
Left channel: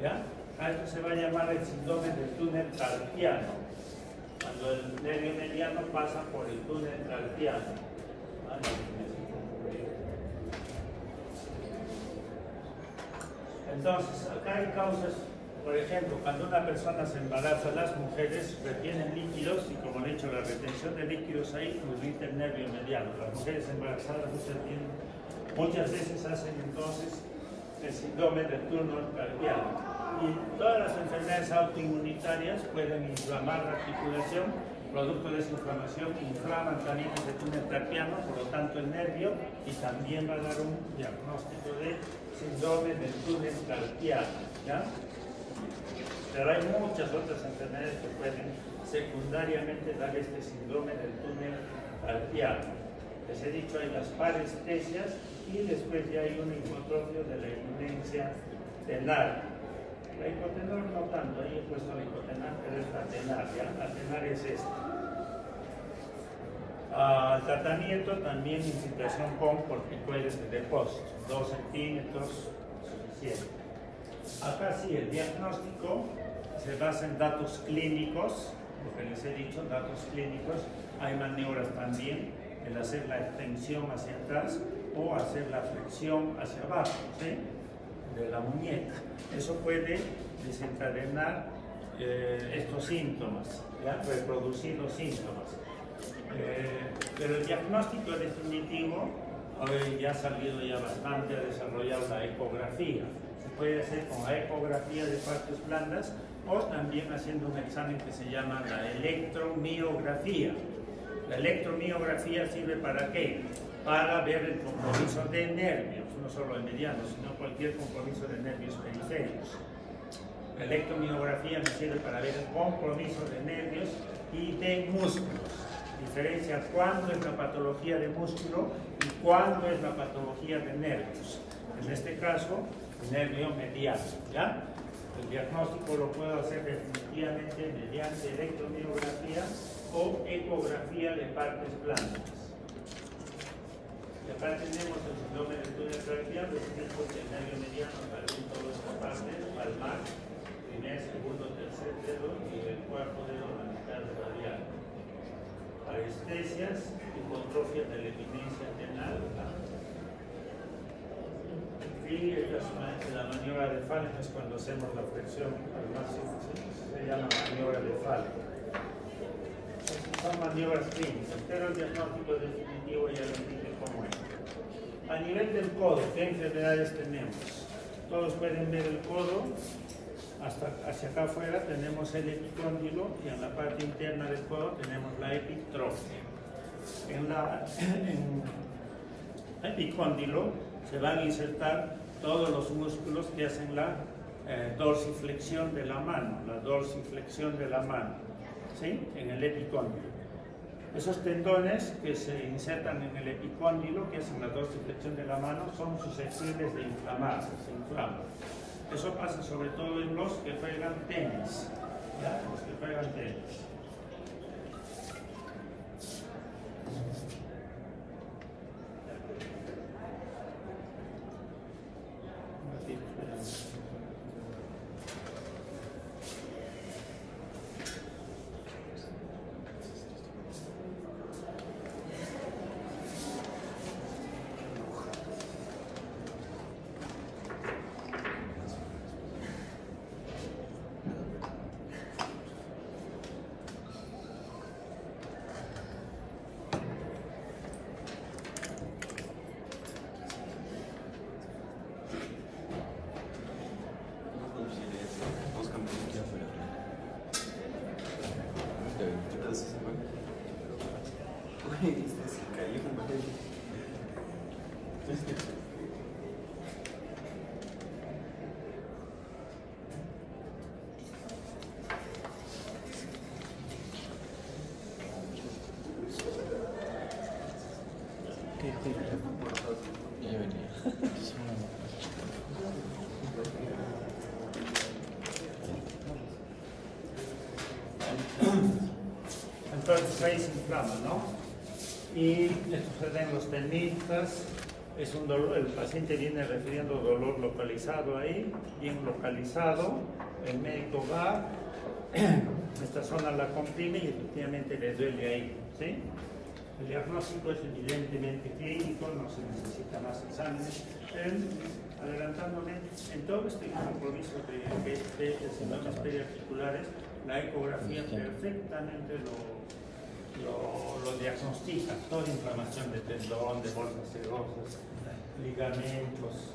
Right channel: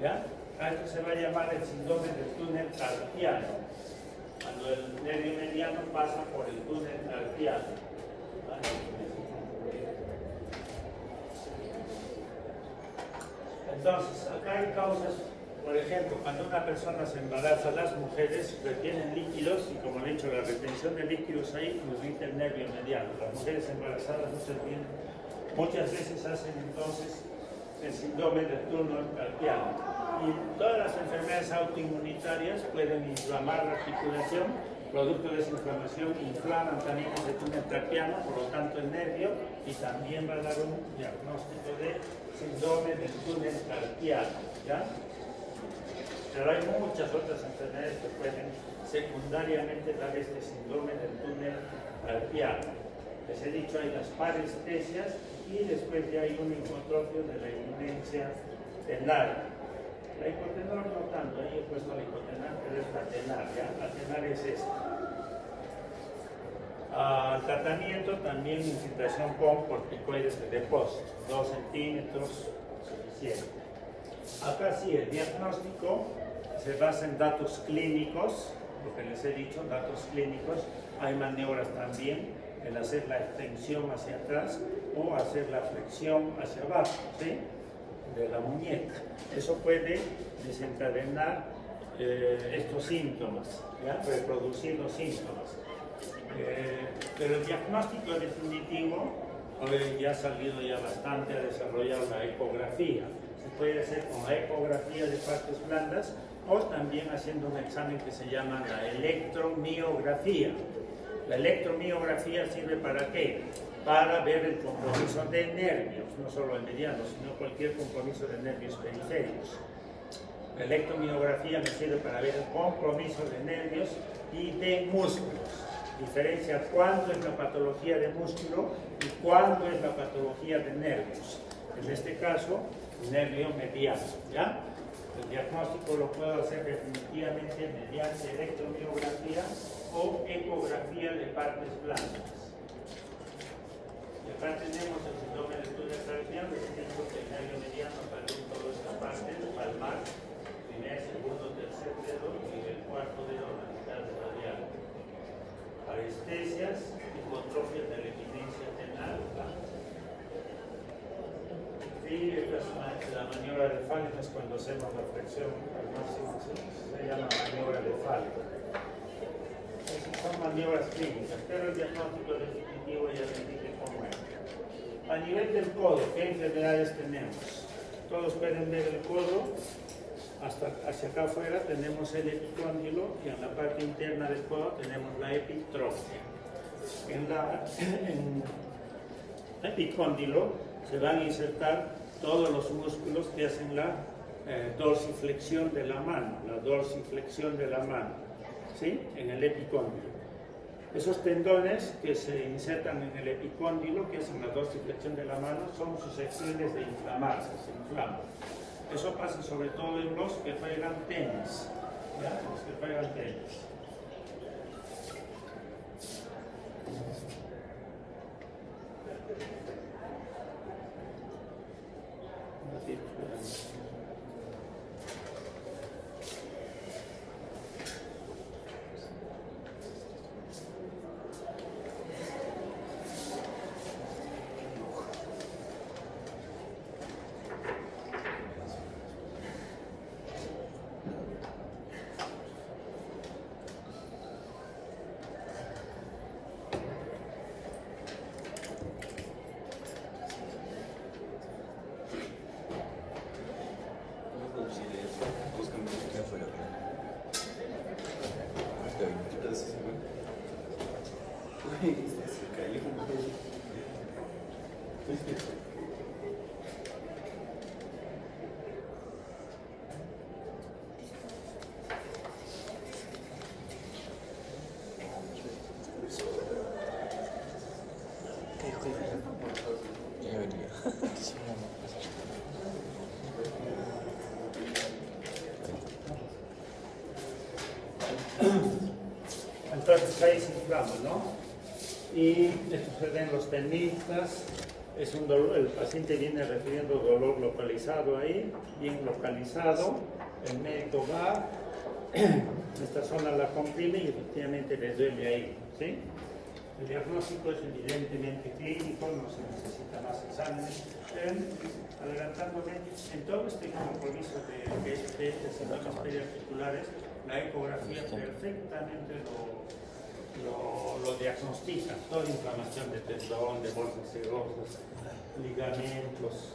¿ya? A esto se va a llamar el síndrome del túnel carpiano, cuando el nervio mediano pasa por el túnel carpiano, ¿vale? Entonces, acá hay causas, por ejemplo, cuando una persona se embaraza, las mujeres retienen líquidos y como le he dicho, la retención de líquidos ahí irrita el nervio mediano. Las mujeres embarazadas muchas veces hacen entonces el síndrome del túnel carpiano. Y todas las enfermedades autoinmunitarias pueden inflamar la articulación, producto de esa inflamación inflaman también ese túnel carpiano, por lo tanto el nervio, y también va a dar un diagnóstico de síndrome del túnel carpiano, ¿ya? Pero hay muchas otras enfermedades que pueden secundariamente dar este síndrome del túnel carpiano. Les he dicho, hay las parestesias y después ya hay un hipotrofio de la eminencia tenar. La hipotenar no tanto, ahí he puesto la hipotenar, pero es la tenar, ¿ya? La tenar es esta. Tratamiento también infiltración con corticoides de depósito, 2 centímetros, suficiente. Acá sí, el diagnóstico se basa en datos clínicos, lo que les he dicho, datos clínicos. Hay maniobras también, el hacer la extensión hacia atrás o hacer la flexión hacia abajo, ¿sí? De la muñeca. Eso puede desencadenar estos síntomas, ¿ya? Reproducir los síntomas. Pero el diagnóstico definitivo hoy ya ha salido ya bastante, ha desarrollado la ecografía. Se puede hacer con la ecografía de partes blandas o también haciendo un examen que se llama la electromiografía. La electromiografía sirve ¿para qué? Para ver el compromiso de nervios, no solo el mediano, sino cualquier compromiso de nervios periféricos. La electromiografía me sirve para ver el compromiso de nervios y de músculos. Diferencia cuándo es la patología de músculo y cuándo es la patología de nervios. En este caso, nervio mediano, ¿ya? El diagnóstico lo puedo hacer definitivamente mediante electromiografía o ecografía de partes blandas. Y acá tenemos el síndrome del túnel carpiano, es decir, el nervio mediano en toda esta parte, palmar, primer, segundo, tercer dedo y el 4.º dedo en la mitad radial. Parestesias, hipotrofia de la eminencia tenar. Y la maniobra de Falk es cuando hacemos la flexión al máximo, se llama maniobra de Falk. Son maniobras clínicas, pero el diagnóstico definitivo ya les dije cómo es. A nivel del codo, ¿qué enfermedades tenemos? Todos pueden ver el codo, hasta hacia acá afuera tenemos el epicóndilo y en la parte interna del codo tenemos la epitrofia. En el epicóndilo se van a insertar todos los músculos que hacen la dorsiflexión de la mano, ¿sí? En el epicóndilo. Esos tendones que se insertan en el epicóndilo, que hacen la dorsiflexión de la mano, son susceptibles de inflamarse, se inflaman. Eso pasa sobre todo en los que juegan tenis, ¿ya? Los que juegan tenis. Entonces ahí se inflama, ¿no? Y esto se ven los tenistas, es un dolor, el paciente viene refiriendo dolor localizado ahí, bien localizado, el médico va, esta zona la comprime y efectivamente le duele ahí, ¿sí? El diagnóstico es evidentemente clínico, no se necesita más exámenes. Adelantándome, en todo este compromiso de síndromes periarticulares, la ecografía perfectamente lo diagnostica, toda inflamación de tendón, de bolsas serosas, ligamentos,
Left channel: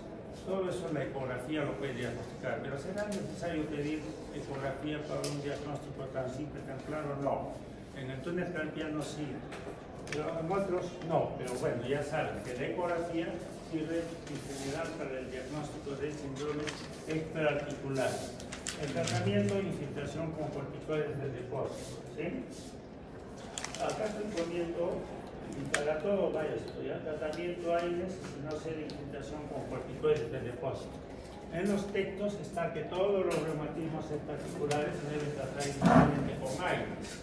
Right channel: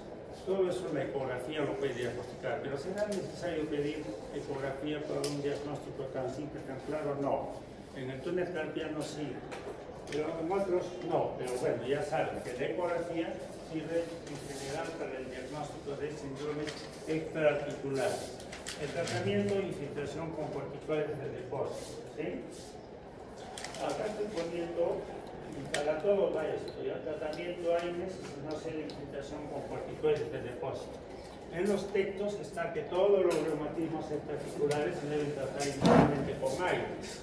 todo eso la ecografía lo puede diagnosticar, pero ¿será necesario pedir ecografía para un diagnóstico tan simple, tan claro? No. En el túnel carpiano sí, pero en otros no, pero bueno, ya saben que la ecografía sirve en general para el diagnóstico de síndromes extraarticulares. El tratamiento, infiltración con corticoides de depósito, ¿sí? Acá estoy poniendo, para todo vaya esto, ya tratamiento AINES, no sé, de infiltración con corticoides de depósito. En los textos está que todos los reumatismos extraarticulares se deben tratar inicialmente con AINES.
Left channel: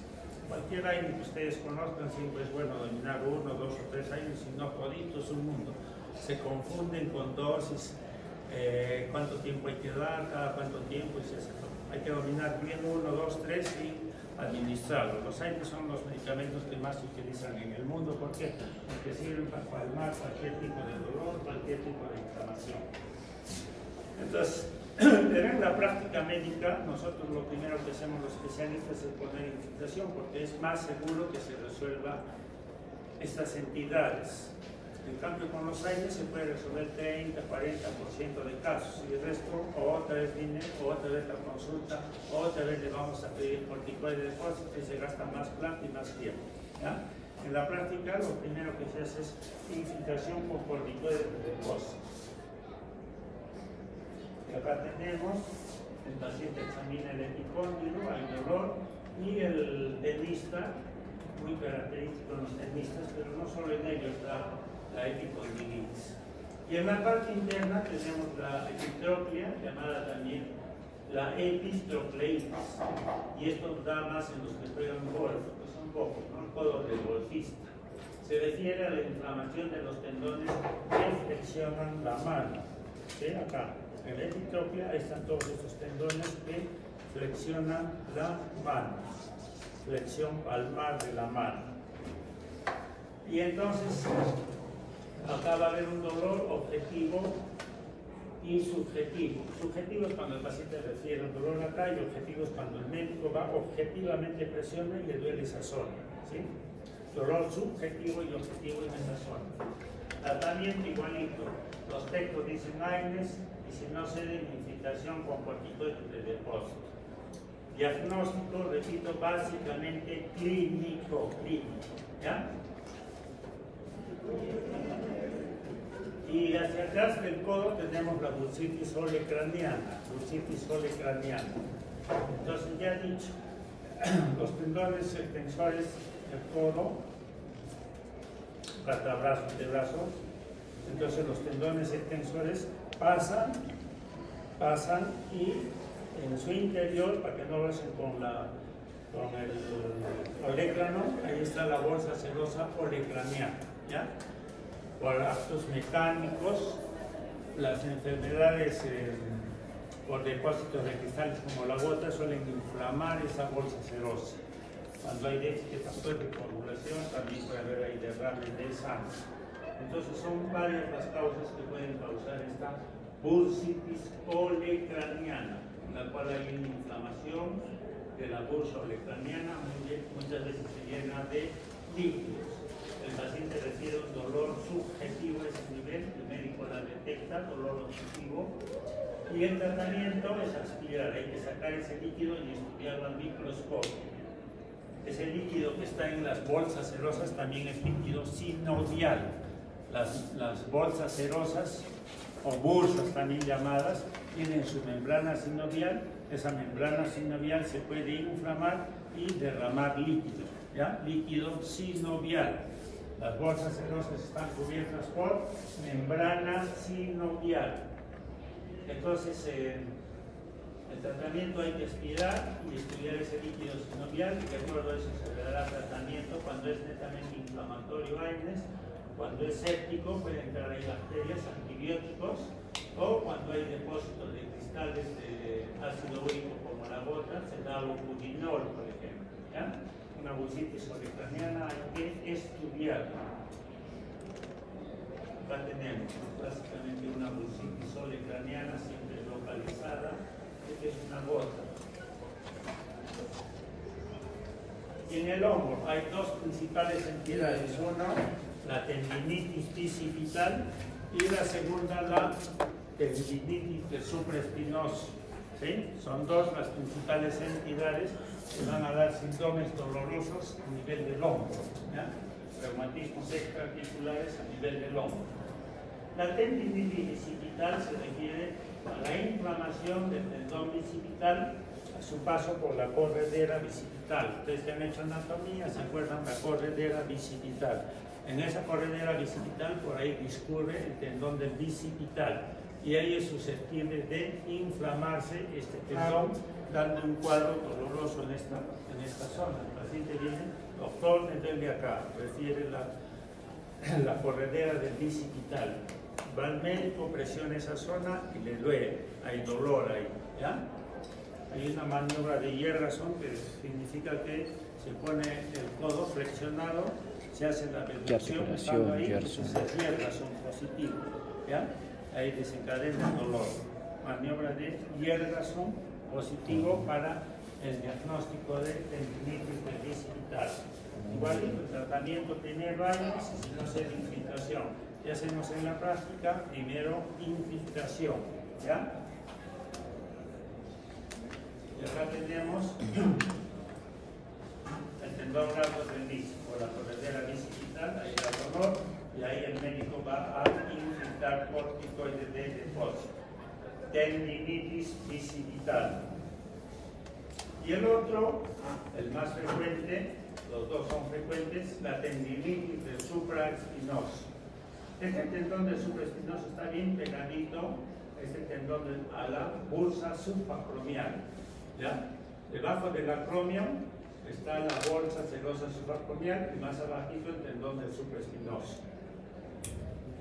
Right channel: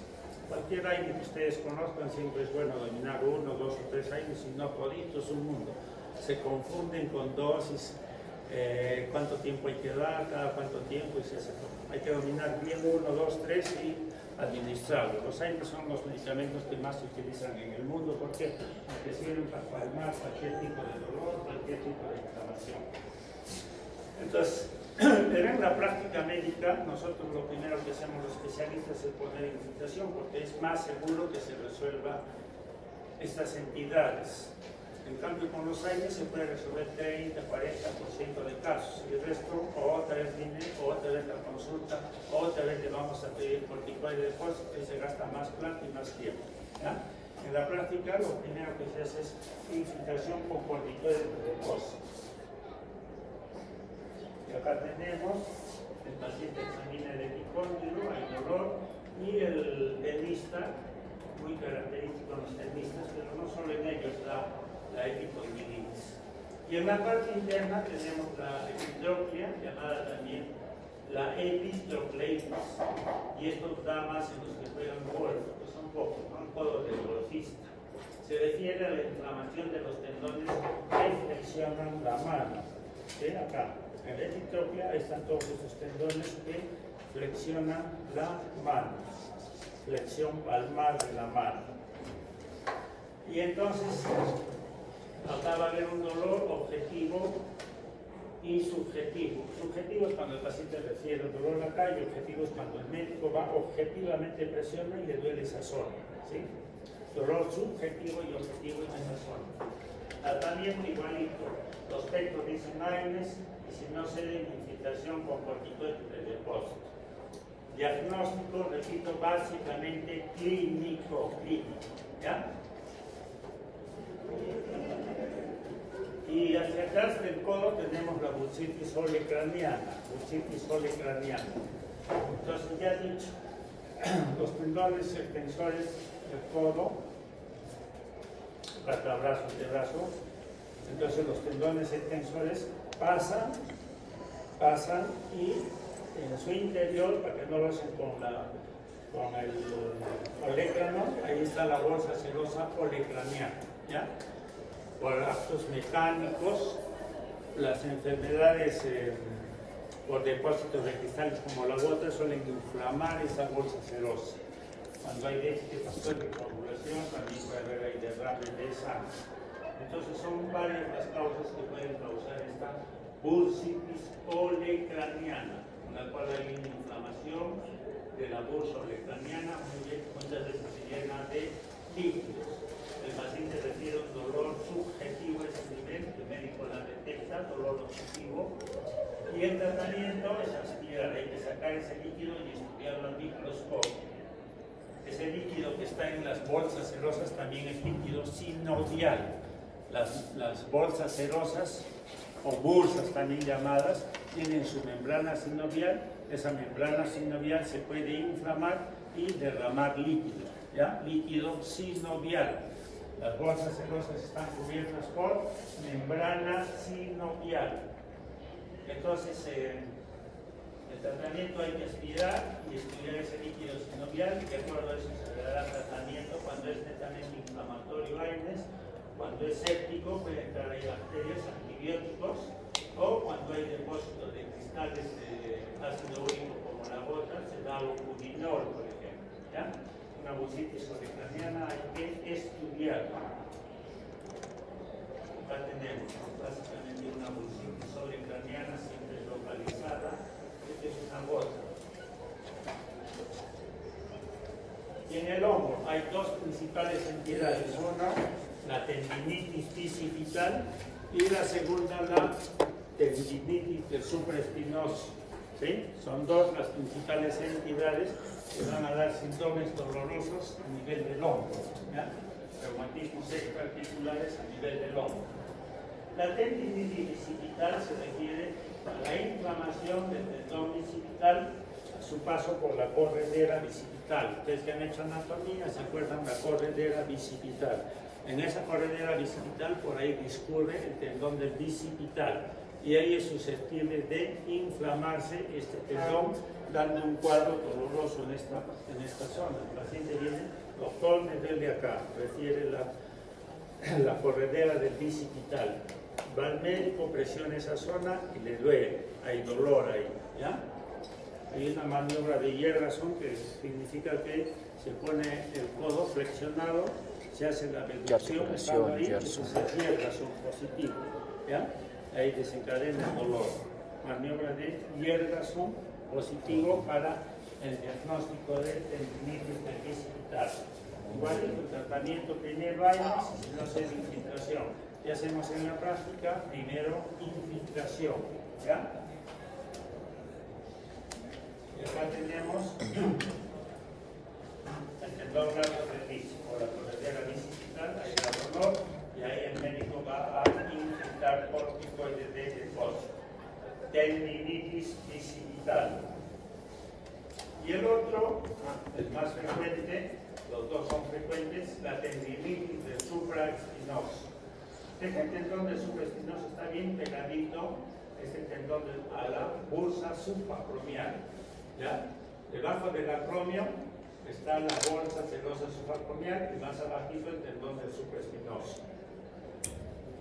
Cualquier AINES que ustedes conozcan siempre es bueno dominar 1, 2 o 3 AINES, si no toditos un mundo. Se confunden con dosis, cuánto tiempo hay que dar, cada cuánto tiempo, y hay que dominar bien 1, 2, 3 y administrarlos. Los AINES son los medicamentos que más se utilizan en el mundo porque sirven para calmar cualquier tipo de dolor, cualquier tipo de inflamación. Entonces, pero en la práctica médica, nosotros lo primero que hacemos los especialistas es poner infiltración porque es más seguro que se resuelva estas entidades. En cambio, con los AINES se puede resolver 30, 40% de casos y el resto, o otra vez viene, o otra vez la consulta, o otra vez le vamos a pedir corticoide de depósito que se gasta más plata y más tiempo. ¿Ya? En la práctica, lo primero que se hace es infiltración con corticoide de depósito. Y acá tenemos, el paciente examina el epicóndilo, hay dolor, y el tenista, muy característico en los tenistas, pero no solo en ellos, la epicondilitis. Y en la parte interna tenemos la epitroplia, llamada también la epitrocleitis, y esto da más en los que juegan golf, que son pocos, ¿no? Todo de golfista. Se refiere a la inflamación de los tendones que flexionan la mano. ¿Sí? Acá, en la epitroplia están todos estos tendones que flexionan la mano, flexión palmar de la mano. Y entonces, acá va a haber un dolor objetivo y subjetivo. Subjetivo es cuando el paciente refiere dolor acá y objetivo es cuando el médico va objetivamente, presiona y le duele esa zona. ¿Sí? Dolor subjetivo y objetivo en esa zona. Tratamiento igualito. Los textos dicen AINES y si no ceden, infiltración con corticoides de depósito. Diagnóstico, repito, básicamente clínico. ¿Ya? Y hacia atrás del codo tenemos la bursitis olecraniana. Entonces ya he dicho, los tendones extensores del codo, brazo, antebrazos, entonces los tendones extensores pasan y en su interior, para que no lo hacen con el olecrano, ahí está la bolsa serosa olecraniana, ¿ya? Por actos mecánicos, las enfermedades por depósitos de cristales como la gota suelen inflamar esa bolsa serosa. Cuando hay déficit de factor de coagulación, también puede haber ahí derrame de sangre. Entonces son varias las causas que pueden causar esta bursitis olecraniana, en la cual hay una inflamación de la bursa olecraniana, muchas veces se llena de líquidos. El paciente refiere un dolor subjetivo a ese nivel, el médico la detecta, dolor objetivo, y el tratamiento es aspirar, hay que sacar ese líquido y estudiarlo al microscopio. Ese líquido que está en las bolsas serosas también es líquido sinovial. Las bolsas serosas o bursas también llamadas tienen su membrana sinovial. Esa membrana sinovial se puede inflamar y derramar líquido, ¿ya? Líquido sinovial. Las bolsas serosas están cubiertas por membrana sinovial. Entonces, el tratamiento hay que aspirar y estudiar ese líquido sinovial. De acuerdo a eso se le dará tratamiento. Cuando es netamente inflamatorio, cuando es séptico, pueden entrar ahí bacterias, antibióticos, o cuando hay depósitos de cristales de ácido úrico como la gota, se da lopudinol, por ejemplo. ¿Ya? Una bursitis olecraniana hay que estudiar. Acá tenemos básicamente una bursitis olecraniana, siempre localizada. Esta es una gota. Y en el hombro hay dos principales entidades. Una, la tendinitis bicipital, y la segunda, la tendinitis del supraespinoso. ¿Sí? Son dos las principales entidades que van a dar síntomas dolorosos a nivel del hombro. ¿Ya? Reumatismos extraarticulares a nivel del hombro. La tendinitis bicipital se refiere a la inflamación del tendón bicipital a su paso por la corredera bicipital. Ustedes que han hecho anatomía se acuerdan la corredera bicipital. En esa corredera bicipital por ahí discurre el tendón del bicipital y ahí es susceptible de inflamarse este tendón, dando un cuadro doloroso en esta zona. El paciente viene, doctor, me duele acá, refiere la corredera del bicipital. Va al médico, presiona esa zona y le duele, hay dolor ahí, ¿ya? Hay una maniobra de Yergason que significa que se pone el codo flexionado, se hace la reducción, estando ahí, entonces es Yergason positivo, ¿ya? Ahí desencadena el dolor. Maniobra de Yergason positivo para el diagnóstico de tendinitis del bicipital. Igual el tratamiento primero aires, si no se hace infiltración. ¿Qué hacemos en la práctica? Primero infiltración, ¿ya? Y acá tenemos el tendón largo del disco, o la corredera bicipital, ahí da dolor, y ahí el médico va a infiltrar corticoides de depósito. Tendinitis bicipital. Y el otro, el más frecuente, los dos son frecuentes, la tendinitis del supraespinoso. Este tendón del supraespinoso está bien pegadito, este tendón a la bursa subacromial. ¿Ya? Debajo del acromio está la bolsa serosa subacromial y más abajito el tendón del supraespinoso.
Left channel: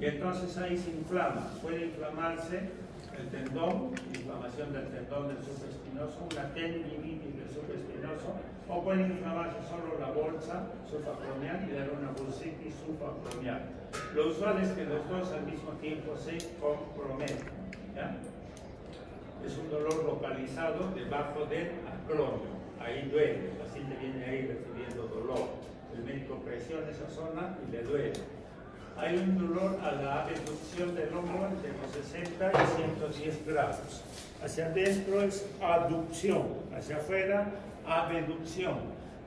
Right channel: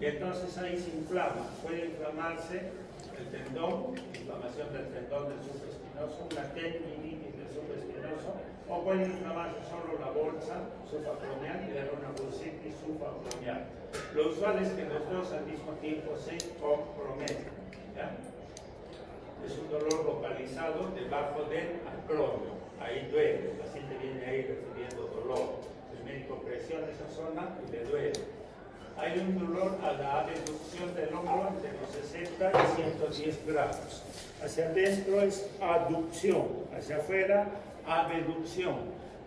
Y entonces ahí se inflama, puede inflamarse el tendón, inflamación del tendón del supraespinoso, una tendinitis del supraespinoso, o puede inflamarse solo la bolsa subacromial y dar una bursitis subacromial. Lo usual es que los dos al mismo tiempo se comprometen. ¿Ya? Es un dolor localizado debajo del acromio. Ahí duele, el paciente viene ahí recibiendo dolor. El médico presiona esa zona y le duele. Hay un dolor a la abducción del hombro entre los 60 y 110 grados. Hacia adentro es abducción, hacia afuera abducción.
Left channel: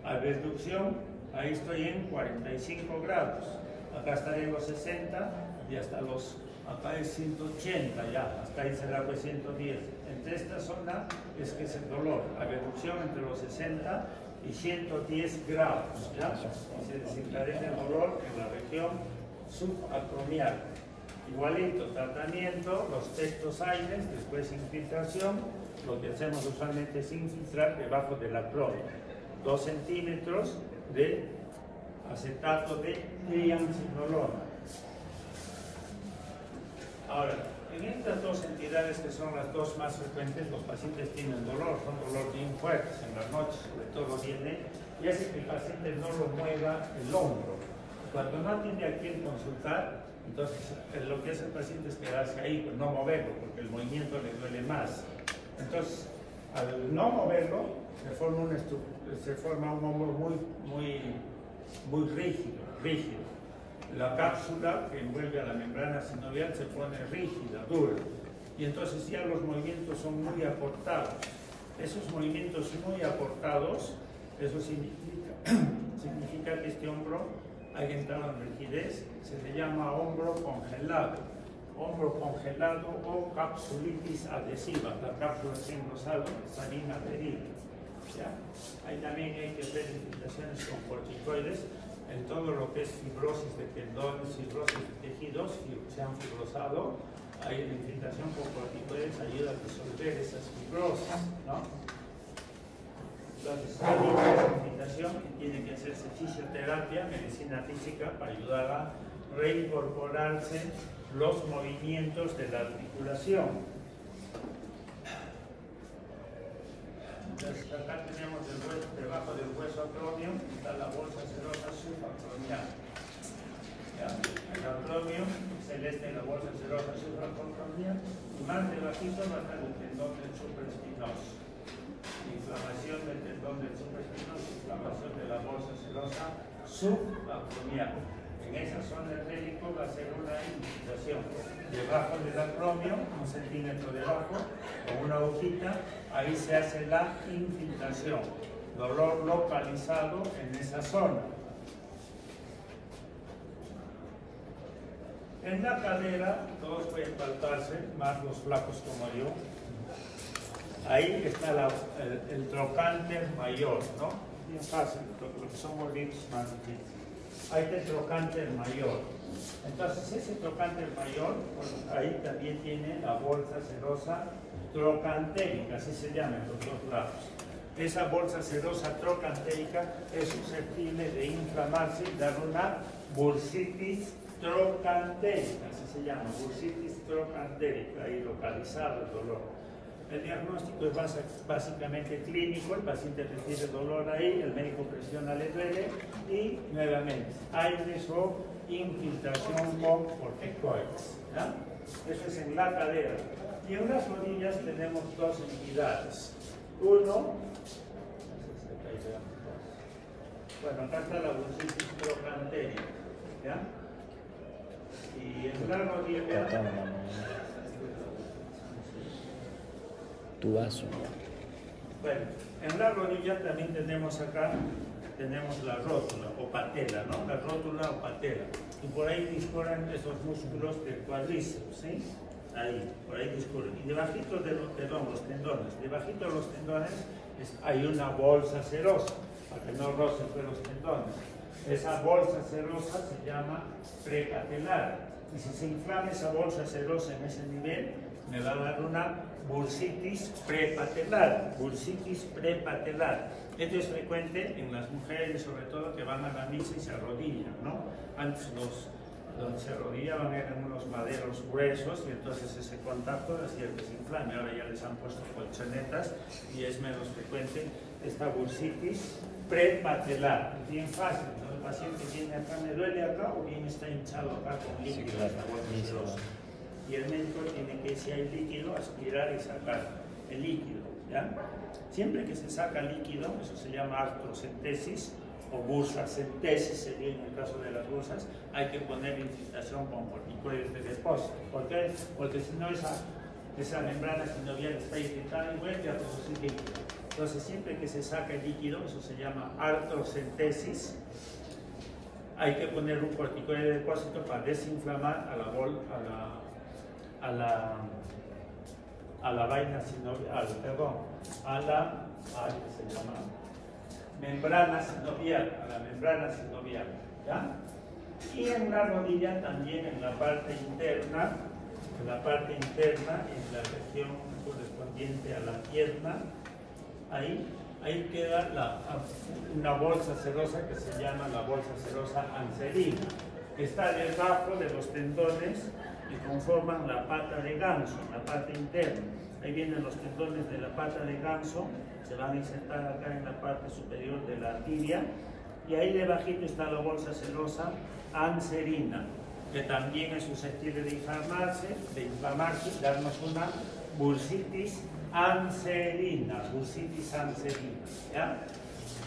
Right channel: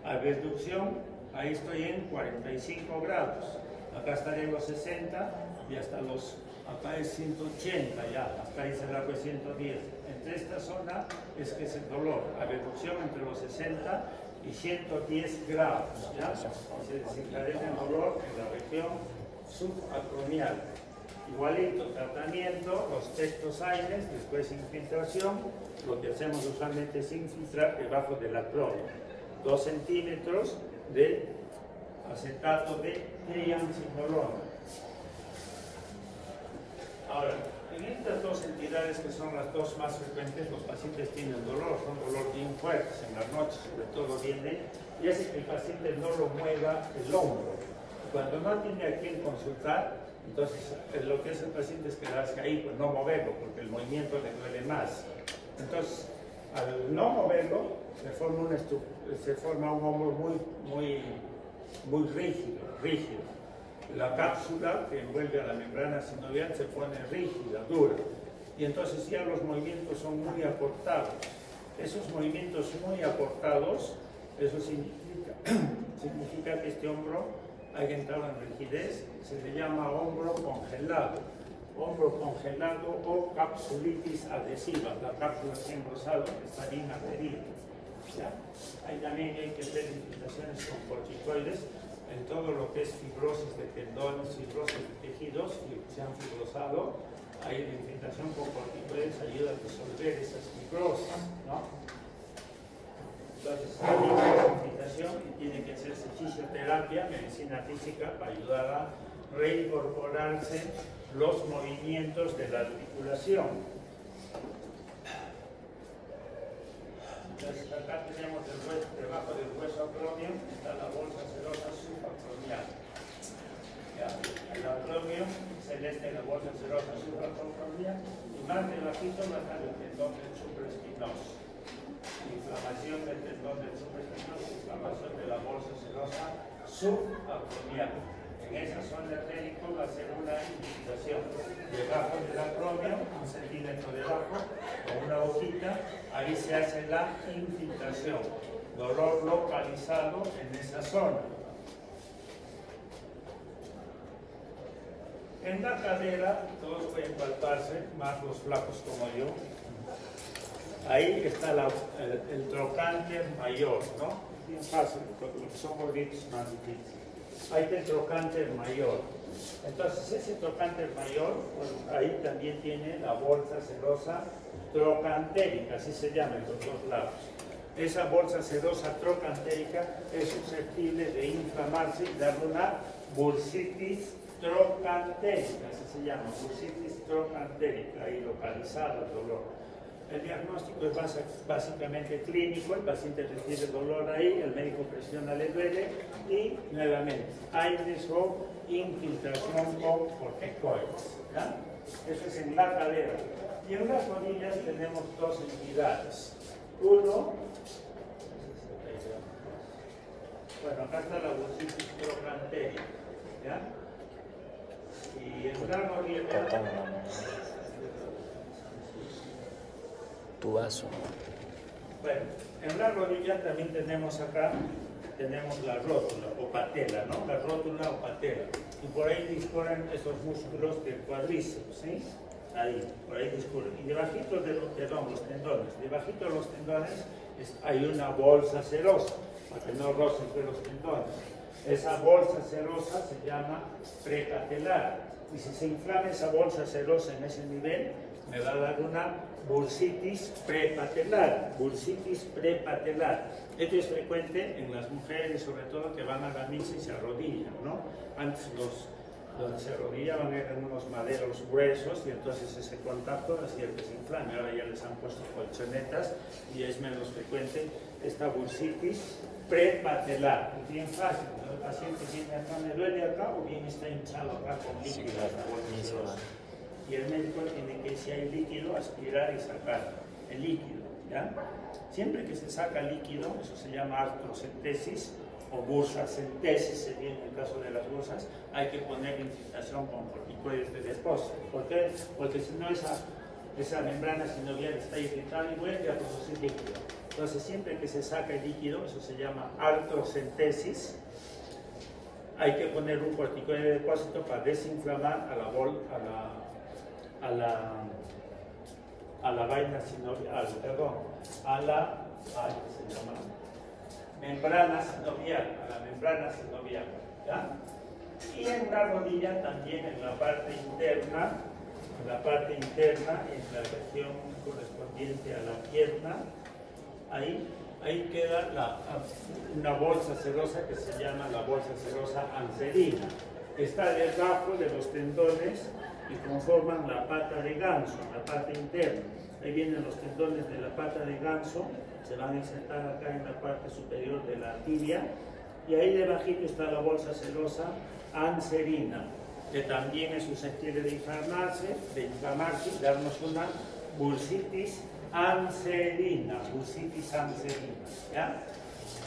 Abducción, ahí estoy en 45 grados. Acá estaré en los 60 y hasta acá es 180 ya, hasta ahí se largo es 110. Entre esta zona es que es el dolor, abducción entre los 60 y 110 grados, ¿ya? Y se desencadena el dolor en la región subacromial. Igualito, tratamiento, los tectosaines, después infiltración. Lo que hacemos usualmente es infiltrar debajo del acromio. 2 centímetros de acetato de triamcinolona. Ahora, en estas dos entidades que son las dos más frecuentes, los pacientes tienen dolor, son dolor bien fuertes en la noche, sobre todo viene, y hace que el paciente no lo mueva el hombro. Cuando no tiene a quien consultar, entonces lo que hace el paciente es quedarse ahí, pues no moverlo, porque el movimiento le duele más. Entonces, al no moverlo, se forma un hombro muy rígido. La cápsula que envuelve a la membrana sinovial se pone rígida, dura. Y entonces ya los movimientos son muy acortados. Esos movimientos muy acortados, eso significa que este hombro hay entrado en rigidez, se le llama hombro congelado o capsulitis adhesiva. La cápsula está engrosada, está bien adherida. Ahí también hay que hacer infiltraciones con corticoides en todo lo que es fibrosis de tendones, fibrosis de tejidos que se han fibrosado. Ahí la infiltración con corticoides ayuda a disolver esas fibrosis, ¿no? Entonces, hay una infiltración que tiene que hacerse fisioterapia, medicina física, para ayudar a reincorporarse los movimientos de la articulación. Entonces, acá tenemos el hueso, debajo del hueso acromion, está la bolsa serosa subacromial. El acromion celeste, la bolsa serosa subacromial, y más debajito va a estar el tendón del supraespinoso. Inflamación del tendón del supraespinoso, inflamación de la bolsa serosa subacromial. En esa zona artérica va a ser una infiltración debajo del acromion, 1 centímetro debajo, con una hojita, ahí se hace la infiltración. Dolor localizado en esa zona. En la cadera, todos pueden palparse, más los flacos como yo. Ahí está el trocánter mayor, ¿no? Bien fácil, lo que son gorditos más difíciles. Ahí está el trocánter mayor. Entonces, ese trocánter mayor, pues, ahí también tiene la bolsa serosa trocantérica, así se llama en los dos lados. Esa bolsa serosa trocantérica es susceptible de inflamarse y darle una bursitis trocantérica, así se llama, bursitis trocantérica, ahí localizado el dolor. El diagnóstico es básicamente clínico, el paciente recibe dolor ahí, el médico presiona, le duele y nuevamente aires o infiltración con corticoides. Eso es en la cadera. Y en las rodillas tenemos dos entidades. Uno, bueno, acá está la bursitis trocantérica, ¿ya? Y en la rodilla, tu vaso. bueno, en la rodilla también tenemos acá, tenemos la rótula o patela, ¿no? La rótula o patela. Y por ahí discurren esos músculos del cuádriceps, ¿sí? Ahí, por ahí discurren. Y debajito de los tendones, debajito de los tendones hay una bolsa serosa, para que no rocen pues los tendones. Esa bolsa serosa se llama prepatelar. Y si se inflama esa bolsa serosa en ese nivel, me va a dar una bursitis prepatelar, bursitis prepatelar. Esto es frecuente en las mujeres, sobre todo que van a la misa y se arrodillan, ¿no? Antes donde se arrodillaban eran unos maderos gruesos y entonces ese contacto hacía que se inflame. Ahora ya les han puesto colchonetas y es menos frecuente esta bursitis prepatelar. Es bien fácil, ¿no? El paciente tiene acá, me duele acá o bien está hinchado acá con líquido. Y el médico tiene que, si hay líquido, aspirar y sacar el líquido, ¿ya? Siempre que se saca líquido, eso se llama artrocentesis o bursacentesis, sería en el caso de las bursas, hay que poner infiltración con corticoides de depósito. ¿Por qué? Porque si no esa membrana sinovial está irritada y vuelve a producir líquido. Entonces, siempre que se saca el líquido, eso se llama artrocentesis, hay que poner un corticoide de depósito para desinflamar a la vaina sinovial, membrana sinovial, ¿ya? Y en la rodilla también en la parte interna, en la región correspondiente a la pierna, ahí queda una bolsa serosa que se llama la bolsa serosa anserina. Está debajo de los tendones que conforman la pata de ganso, la parte interna. Ahí vienen los tendones de la pata de ganso, se van a insertar acá en la parte superior de la tibia, y ahí debajito está la bolsa serosa anserina, que también es susceptible de inflamarse y darnos una bursitis anserina, ¿ya?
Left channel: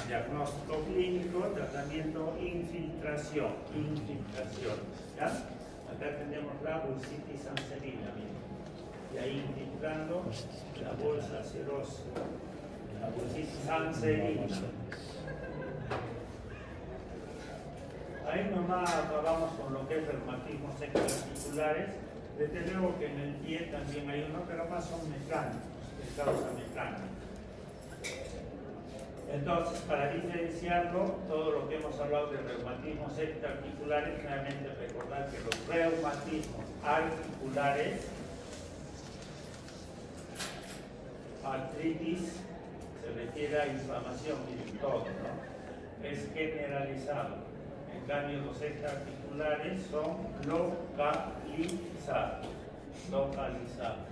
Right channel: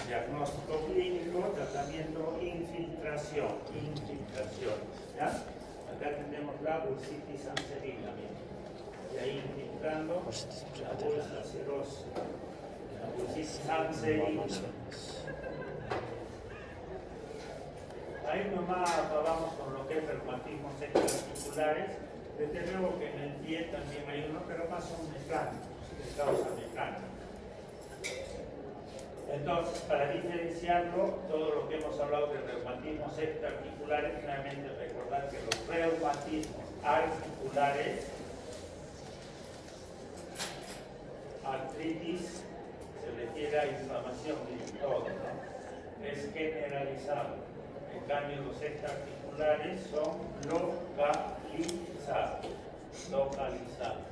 Diagnóstico clínico, tratamiento, infiltración, ¿ya? Acá tenemos la bursitis anserina, y ahí infiltrando la bolsa serosa, la bursitis anserina. Ahí ahí nomás acabamos con lo que es reumatismos extraarticulares. Desde luego que en el pie también hay uno, pero más son mecánicos, de causa mecánica. Entonces, para diferenciarlo, todo lo que hemos hablado de reumatismos extraarticulares, finalmente recordar que los reumatismos articulares, artritis, se refiere a inflamación, miren todo, ¿no? Es generalizado. En cambio, los extraarticulares son localizados. Localizados.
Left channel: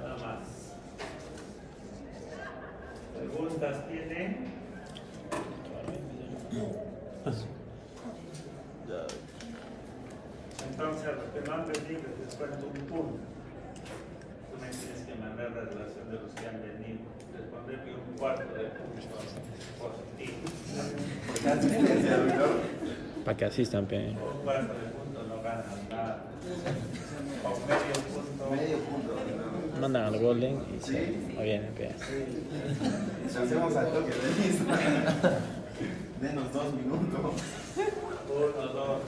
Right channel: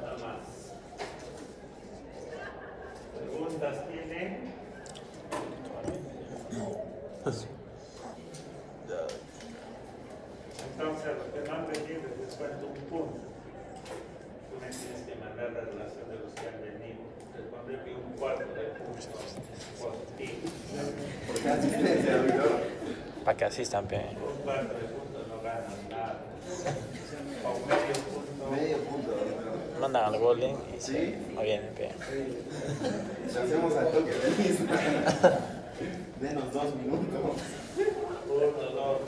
Nada más. ¿Preguntas tienen? Entonces, los que más reciben les cuento un punto. Tú me tienes que mandar la relación de los que han venido. Les pondré que un cuarto de punto positivo. Para que asistan, pe. Un cuarto de punto no ganan nada. O medio punto. Medio punto. Mandan al golden y ¿Sí? no vienen, pe. Lo hacemos al toque, Denos 2 minutos. 1, 2.